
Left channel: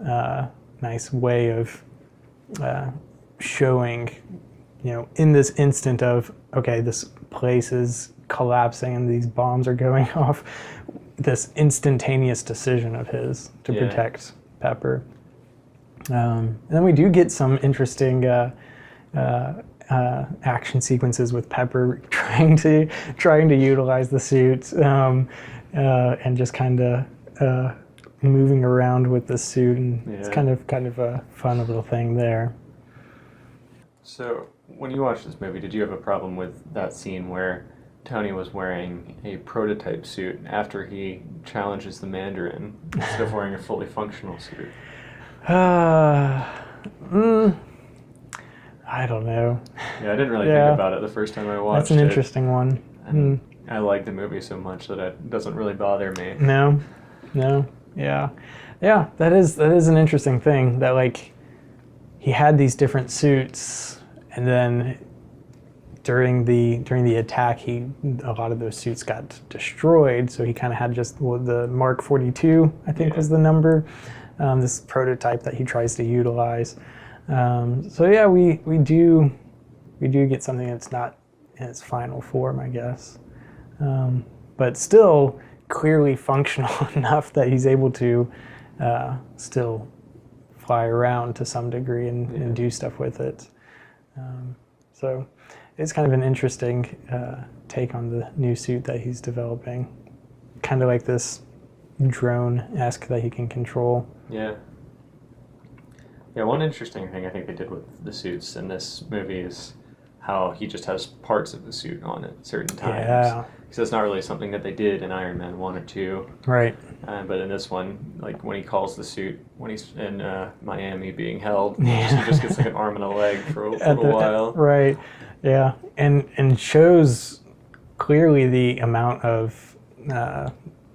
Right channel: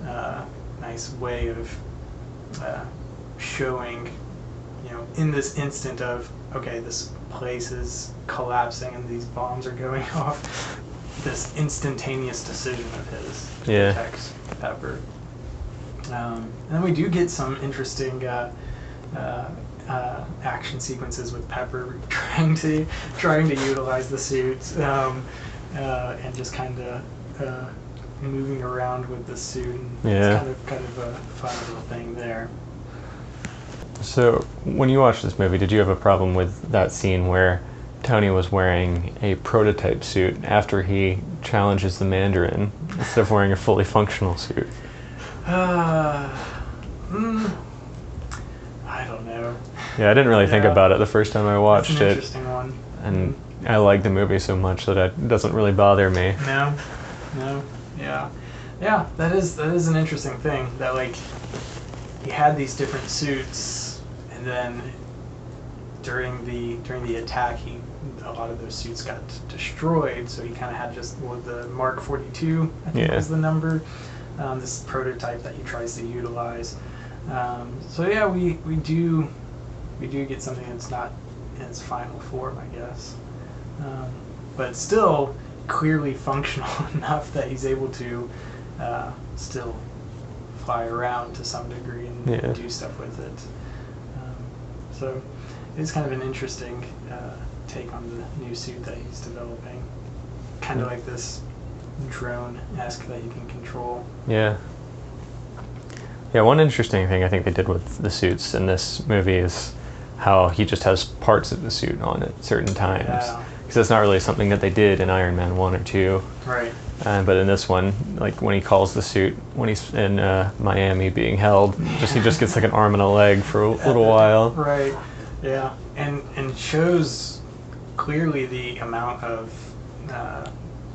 way of showing, in this instant of, okay, this place is collapsing and these bombs are going off, this instantaneous decision of his to protect Pepper. And then we do get some interesting action sequences with Pepper trying to utilize the suit and just kind of moving around with the suit, and it's kind of a fun little thing there. So when you watched this movie, did you have a problem with that scene where Tony was wearing a prototype suit after he challenges the Mandarin instead of wearing a fully functional suit? I don't know. Yeah, I didn't really think about it the first time I watched it. That's an interesting one. And I like the movie so much that it doesn't really bother me. No, yeah. That is an interesting thing, that like he had these different suits, and then during the attack, a lot of those suits got destroyed. So he kind of had just the Mark 42, I think was the number. This prototype that he tries to utilize. So yeah, we do get something that's not in its final form, I guess, but still clearly functional enough that he's able to still fly around to some degree and do stuff with it. So it's kind of an interesting take on the new suit that he's developing. Kind of like this drone-esque that he can control. Yeah. Yeah, one interesting thing I think they did with the suits in this movie is how he just has parts of the suit on at certain times. Yeah. Because that's not really something that they did in Iron Man 1 or 2. Right. But in this one, like when he calls the suit, when he's in Miami being held, he just gets like an arm and a leg for a little while. Right. Yeah. And shows clearly the amount of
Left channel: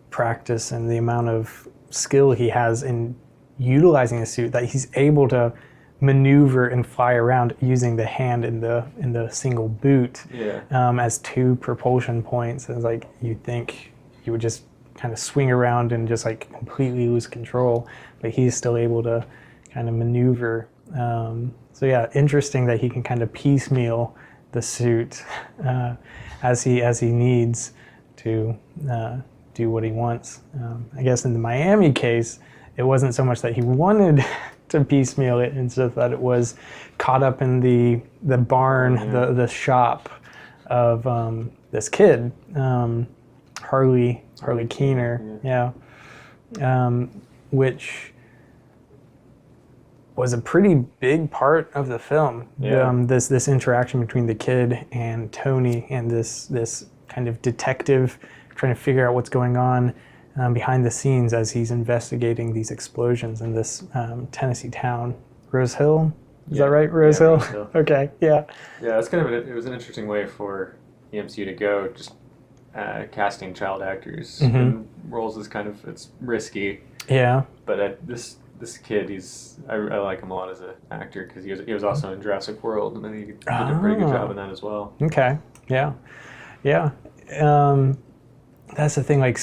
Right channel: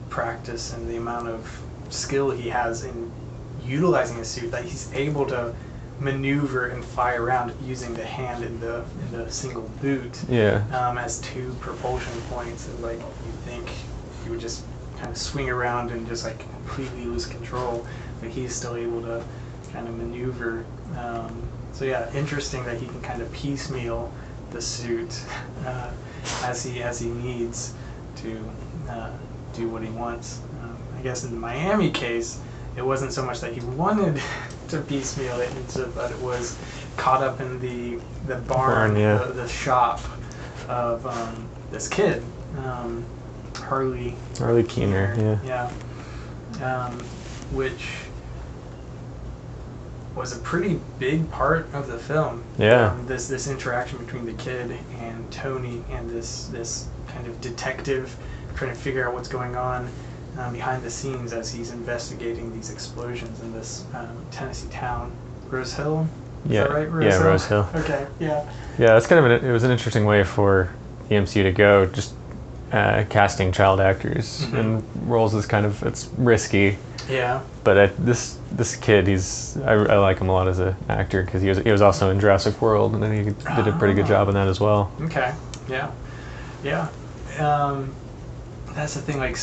practice and the amount of skill he has in utilizing the suit, that he's able to maneuver and fly around using the hand in the single boot as two propulsion points. And like, you think he would just kind of swing around and just like completely lose control, but he's still able to kind of maneuver. So yeah, interesting that he can kind of piecemeal the suit as he needs to do what he wants. I guess in the Miami case, it wasn't so much that he wanted to piecemeal it, it's just that it was caught up in the barn, the shop of this kid, Harley Keener, which was a pretty big part of the film. This interaction between the kid and Tony, and this kind of detective trying to figure out what's going on behind the scenes as he's investigating these explosions in this Tennessee town, Rose Hill. Is that right, Rose Hill? Rose Hill. Okay, yeah. Yeah, that's kind of it was an interesting way for the MCU to go, just casting child actors in roles is it's risky. Yeah. But this kid, I like him a lot as an actor because he was also in Jurassic World, and then he did a pretty good job in that as well. Okay. Yeah. Yeah. That's the thing. Like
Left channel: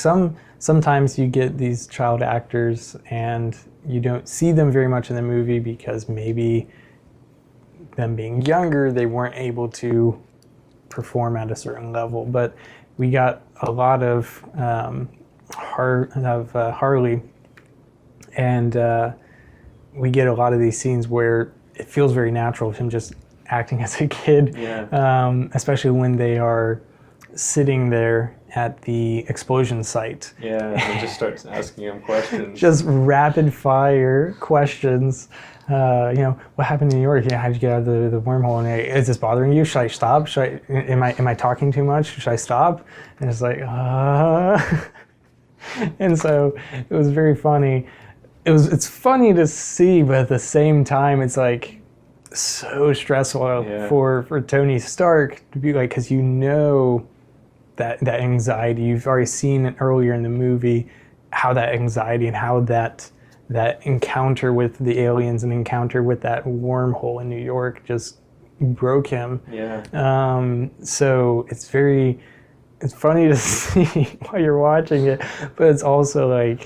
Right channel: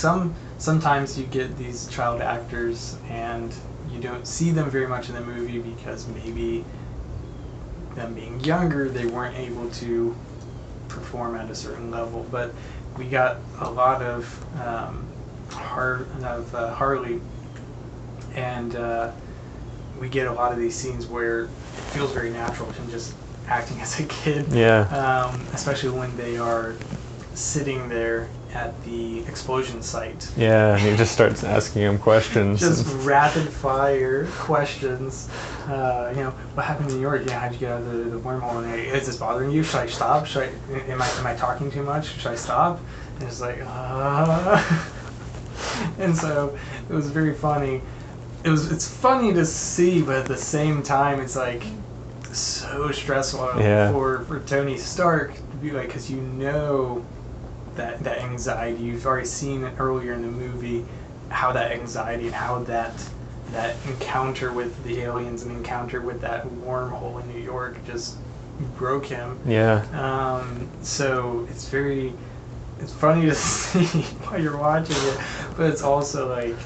sometimes you get these child actors and you don't see them very much in the movie because maybe them being younger, they weren't able to perform at a certain level. But we got a lot of Harley, and we get a lot of these scenes where it feels very natural to him just acting as a kid. Yeah. Especially when they are sitting there at the explosion site. Yeah, he just starts asking him questions. Just rapid fire questions. What happened in New York? Yeah, how'd you get out of the wormhole? And is this bothering you? Should I stop? Am I talking too much? Should I stop? And it's like, And so it was very funny. It's funny to see, but at the same time, it's like so stressful for Tony Stark to be like, because that anxiety. You've already seen it earlier in the movie, how that anxiety and how that encounter with the aliens and encounter with that wormhole in New York just broke him. Yeah. So it's funny to see while you're watching it, but it's also like,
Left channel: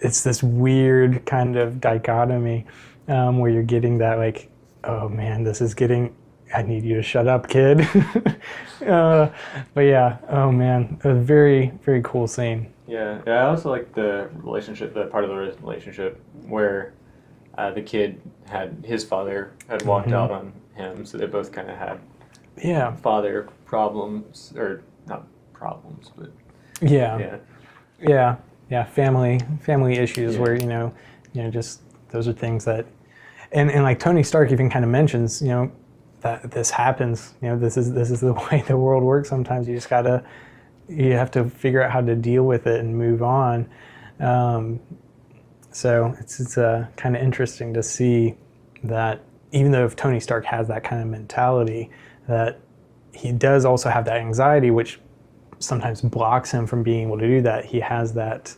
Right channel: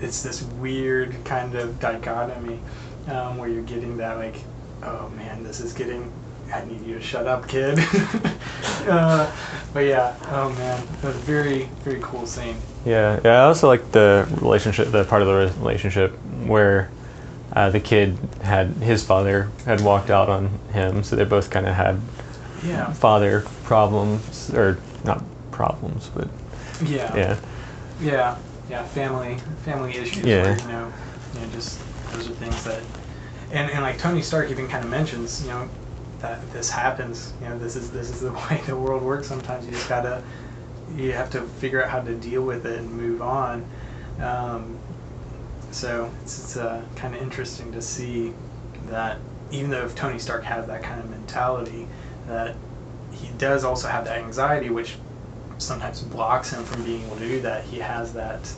it's this weird kind of dichotomy where you're getting that like, oh man, I need you to shut up, kid. But yeah, oh man, it was a very, very cool scene. Yeah, I also like the part of the relationship where the kid his father had walked out on him, so they both kind of had father problems, or not problems, but family issues where just those are things that, and like Tony Stark even kind of mentions, that this happens. This is the way the world works. Sometimes you have to figure out how to deal with it and move on. So it's kind of interesting to see that even though if Tony Stark has that kind of mentality, that he does also have that anxiety, which sometimes blocks him from being able to do that. He has that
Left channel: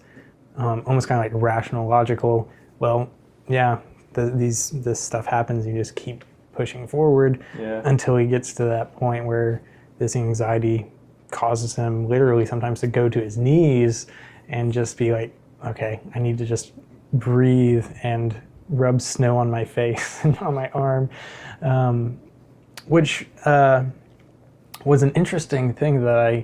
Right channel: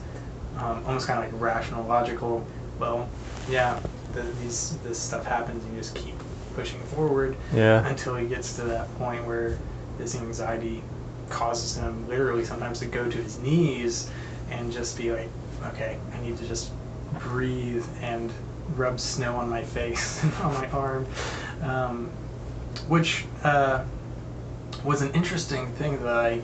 almost kind of like rational, logical, well, yeah, this stuff happens, you just keep pushing forward until he gets to that point where this anxiety causes him literally sometimes to go to his knees and just be like, okay, I need to just breathe and rub snow on my face and on my arm, which was an interesting thing that I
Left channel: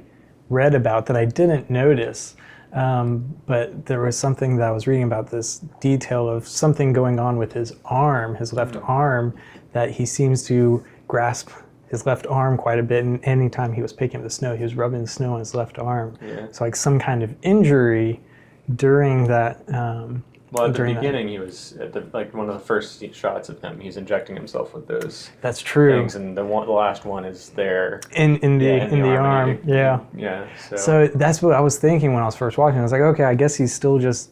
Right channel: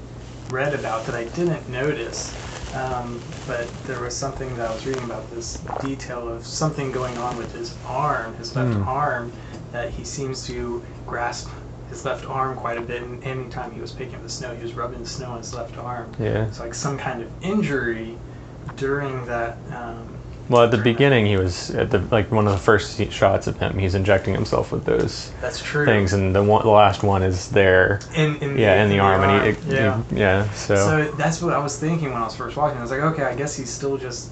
read about that I didn't notice But there was something that I was reading about this detail of something going on with his arm, his left arm, that he seems to grasp his left arm quite a bit, and anytime he was picking up the snow, he was rubbing the snow on his left arm. Yeah. So like some kind of injury during that. Well, at the beginning, he was at one of the first shots of him. He's injecting himself with those That's true. things, and the last one is there in the arm. Yeah. So that's what I was thinking when I was first watching. I was like, okay, I guess he's still just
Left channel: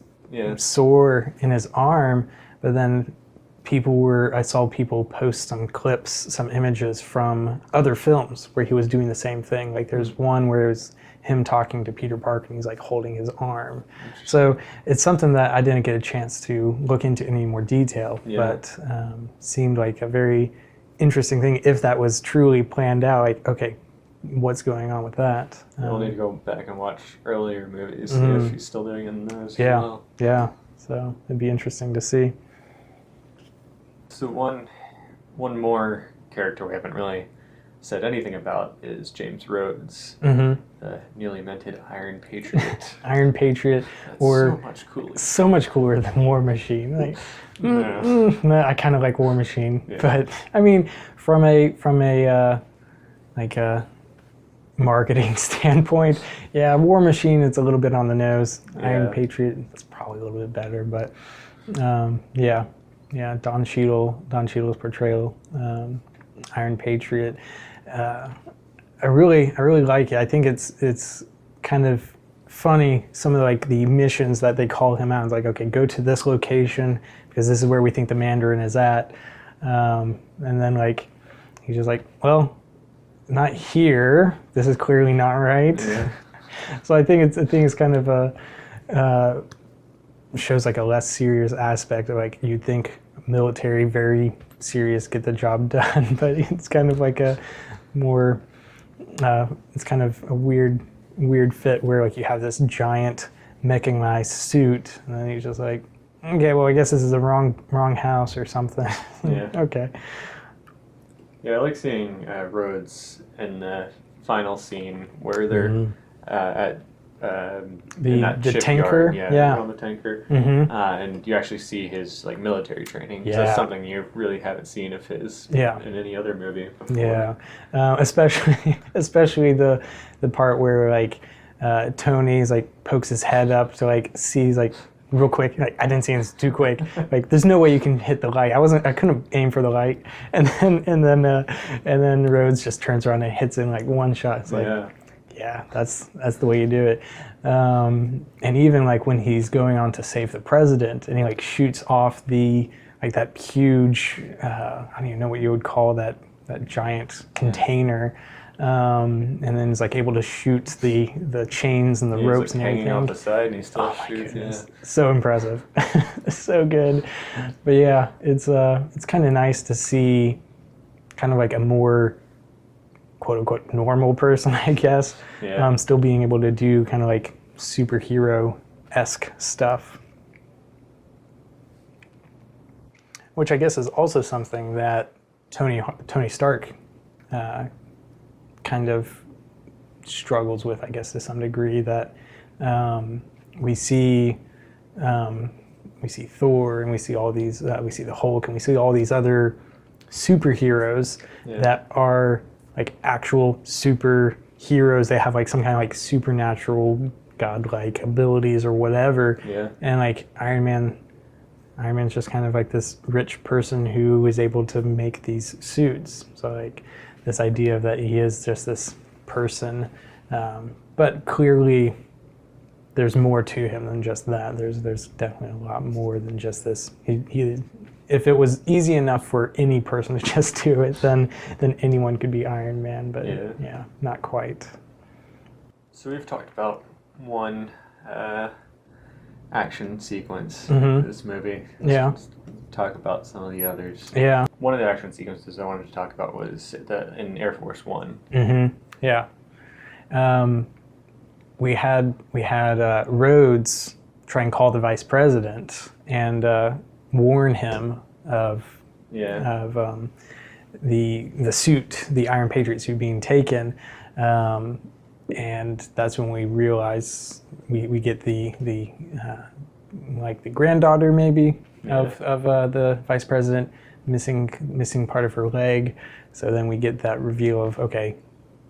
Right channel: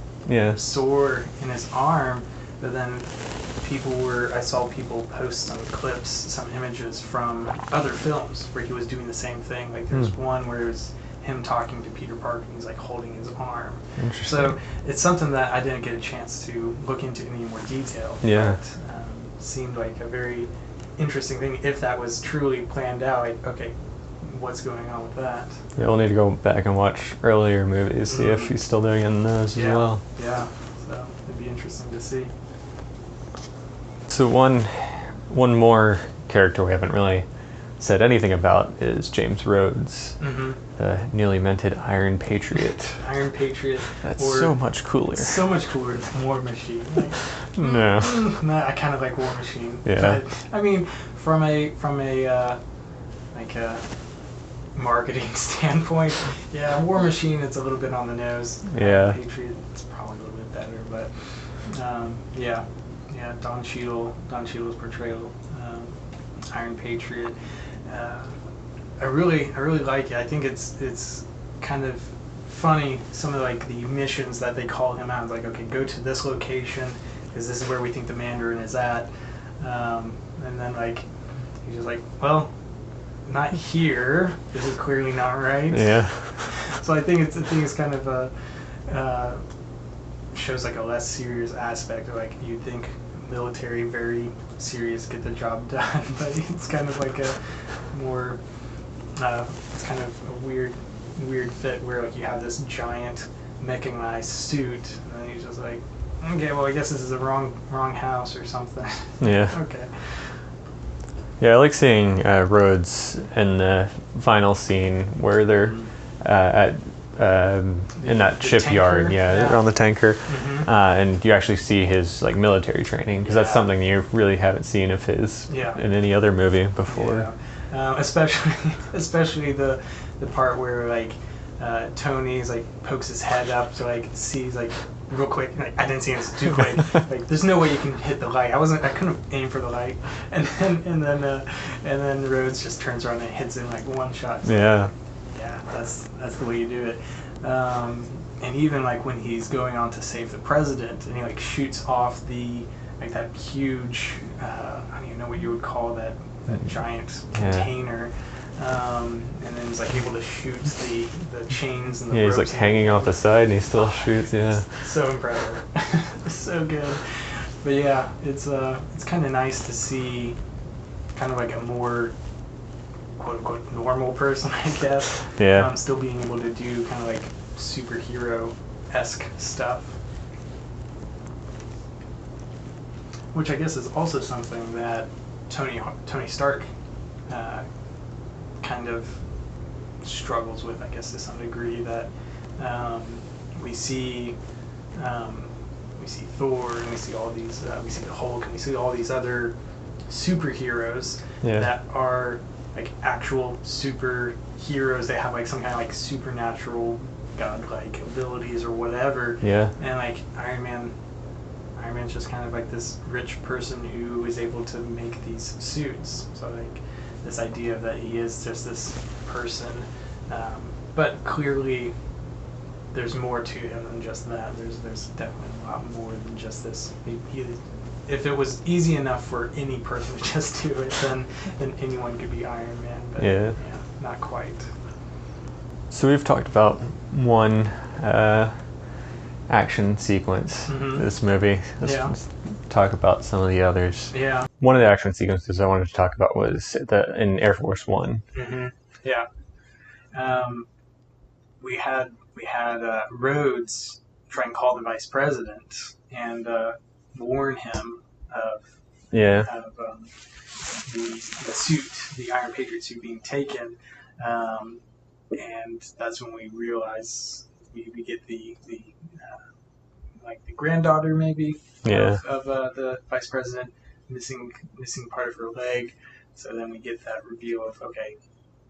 sore in his arm. But then I saw people post some clips, some images from other films where he was doing the same thing. Like there's one where it's him talking to Peter Parker and he's like holding his arm. So it's something that I didn't get a chance to look into any more detail, but seemed like a very interesting thing if that was truly planned out. Like, okay, what's going on with that? Yeah, we'll need to go back and watch earlier movies, see if he's still doing it in those as well. Yeah, so it'd be interesting to see. So one more character we haven't really said anything about is James Rhodes, the newly minted Iron Patriot. Iron Patriot. That's so much cooler. So much cooler than War Machine. Like, I kind of like War Machine. Yeah. But I mean, from a marketing standpoint, War Machine is a little bit on the nose. Yeah. Iron Patriot is probably a little bit better, but Don Cheadle's portrayal, Iron Patriot. I really like it. I think it's kind of funny, some of like the missions that they call him out. It's like, okay, go to this location because this is where we think the Mandarin is at, and then like he's just like, well, not here. This is clearly not right. Yeah. So I think it's kind of shows like a less serious aspect of like you'd think military, very serious, get the job done, but it's kind of like a more it's kind of a weird fit where like you have this giant mechanized suit and then he's just like, okay, well I guess this is the wrong house or something. Yeah. Okay. Yeah, I like seeing Rhodes in the final scene where they're at in that shipyard, they're on the tanker, and you actually see his like military training, because that's something you really haven't seen of his in any other movie before. Especially the part where like Tony's like pokes his head up to like sees like real quick. Like, I didn't see it too quick. Like there's no way you can hit the light. I couldn't aim for the light, and then Rhodes just turns around and hits it in like one shot. So, that's the way you do it. And even like when he's going on to save the president, and he like shoots off like that huge, I don't even know what you would call that giant container, and then he's like able to shoot the chains and the ropes. He's like hanging off the side, and he still shoots. So impressive, so good. But it's kind of nice to see, kind of like a more quote unquote normal person, I guess. Still being able to do kind of like superhero-esque stuff. Which I guess is also something that Tony Stark kind of struggles with, I guess, to some degree, that we see Thor, and we see all these, we see the Hulk, and we see all these other superheroes that are like actual superheroes. They have like some kind of like supernatural godlike abilities or whatever. And like Iron Man's just kind of like this rich person who is able to make these suits. So like this idea that he is just this person, but clearly there's more to him than just that. There's definitely a lot more than just this. He if it was easy enough for any person to just do it, then anyone could be Iron Man. But not quite. So we've talked about one action sequence in this movie. Let's talk about some of the others. One of the action sequences I wanted to talk about was in Air Force One. We had Rhodes try and call the vice president and warn him of the suit, the Iron Patriot suit being taken. and that's when we realize we get the like the granddaughter maybe of the vice president missing part of her leg. So then we get that reveal of, okay,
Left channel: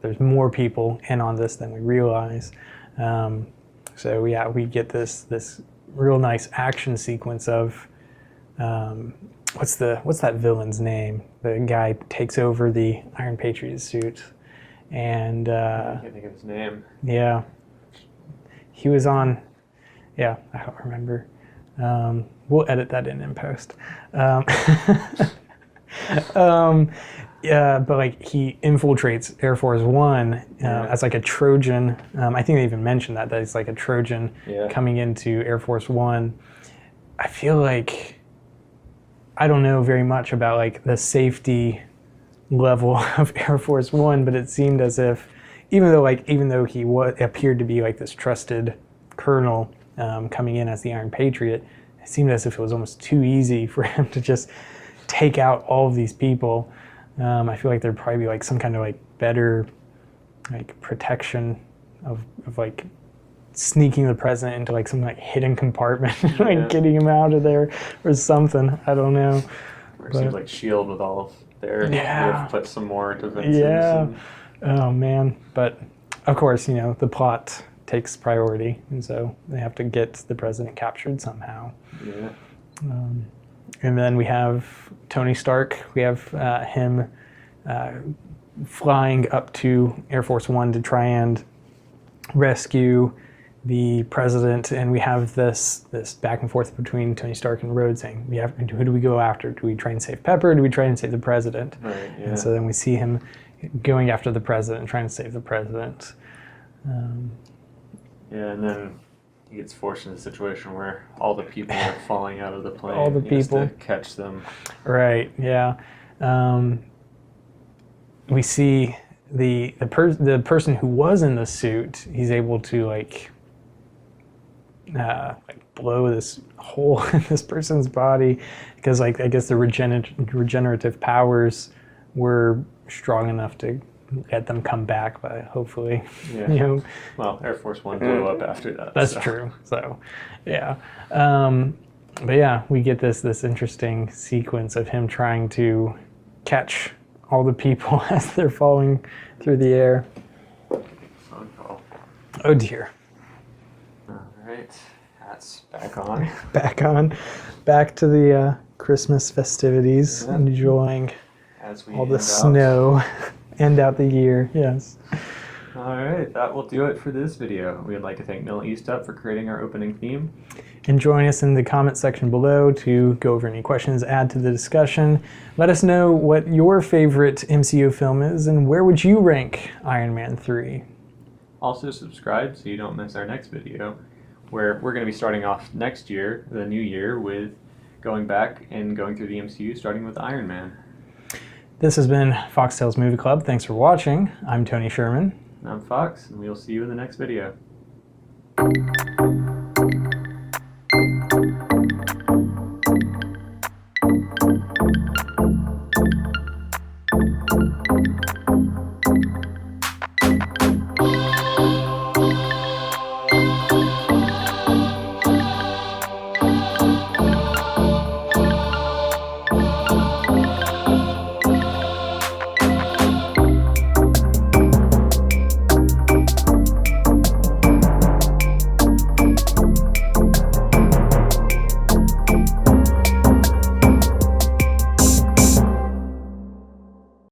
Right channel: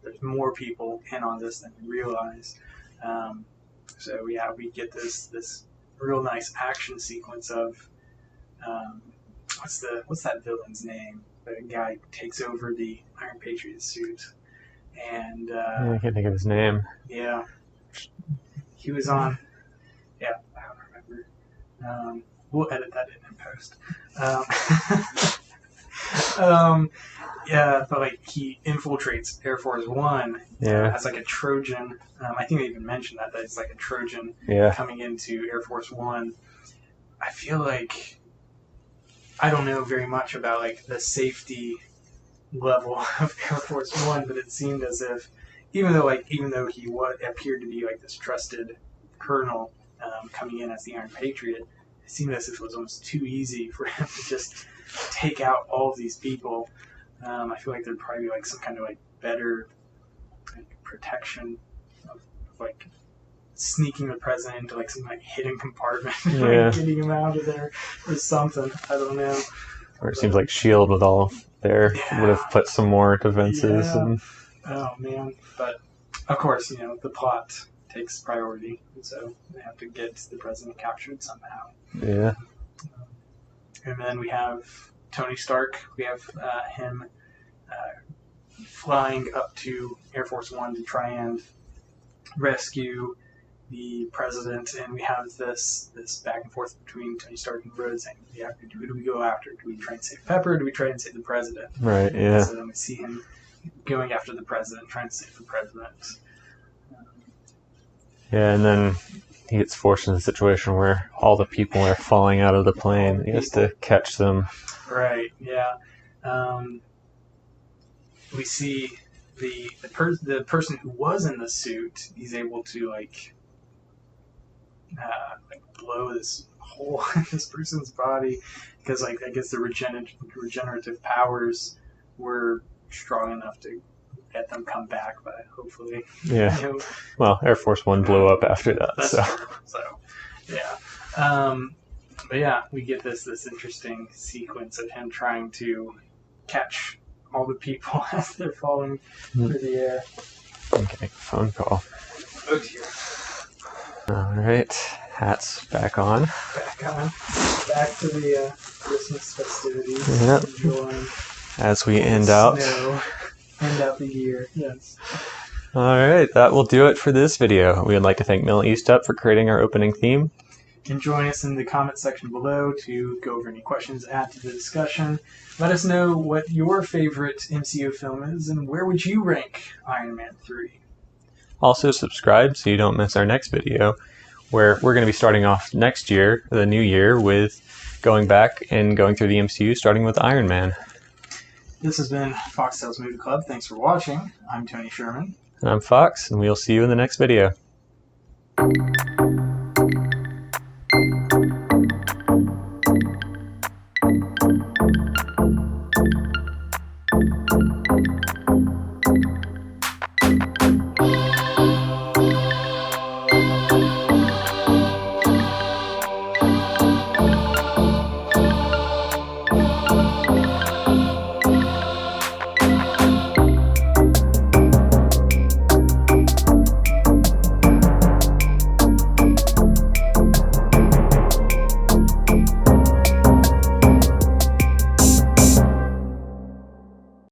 there's more people in on this than we realize. So yeah, we get this real nice action sequence of what's that villain's name? The guy takes over the Iron Patriot suit, and I can't think of his name. Yeah, he was on. Yeah, I don't remember. We'll edit that in post. Yeah, but like he infiltrates Air Force One as like a Trojan. I think they even mentioned that it's like a Trojan coming into Air Force One. I feel like I don't know very much about like the safety level of Air Force One, but it seemed as if even though he appeared to be like this trusted colonel coming in as the Iron Patriot, it seemed as if it was almost too easy for him to just take out all of these people. I feel like there'd probably be like some kind of like better like protection of like sneaking the president into like some like hidden compartment, like getting him out of there or something. I don't know. Or it seems like S.H.I.E.L.D. with all there would have put some more defenses. Yeah. Oh man, but of course the plot takes priority, and so they have to get the president captured somehow. Yeah. And then we have Tony Stark. We have him flying up to Air Force One to try and rescue the president. And we have this back and forth between Tony Stark and Rhodes saying, who do we go after? Do we try and save Pepper? Or do we try and save the president? Right, yeah. And so then we see him going after the president, trying to save the president. Yeah, and then he gets forced in a situation where all the people are falling out of the plane. He has to catch them. Right. Yeah. We see the person who was in the suit. He's able to like blow this hole in this person's body because like I guess the regenerative powers were strong enough to get them come back, but hopefully. Yeah. Well, Air Force One blew up after that. That's true. So, yeah. But yeah, we get this interesting sequence of him trying to catch all the people as they're falling through the air. Okay, phone call. Oh dear. All right, hats back on. Back on. Back to the Christmas festivities. Yep. Enjoying as we end out. Snow. End out the year, yes. All right, that will do it for this video. We would like to thank Mel Eastup for creating our opening theme. And join us in the comment section below to go over any questions, add to the discussion. Let us know what your favorite MCU film is and where would you rank Iron Man 3. Also subscribe so you don't miss our next video, where we're going to be starting off next year, the new year, with going back and going through the MCU, starting with Iron Man. This has been FoxTales Movie Club. Thanks for watching. I'm Tony Sherman. And I'm Fox, and we'll see you in the next video.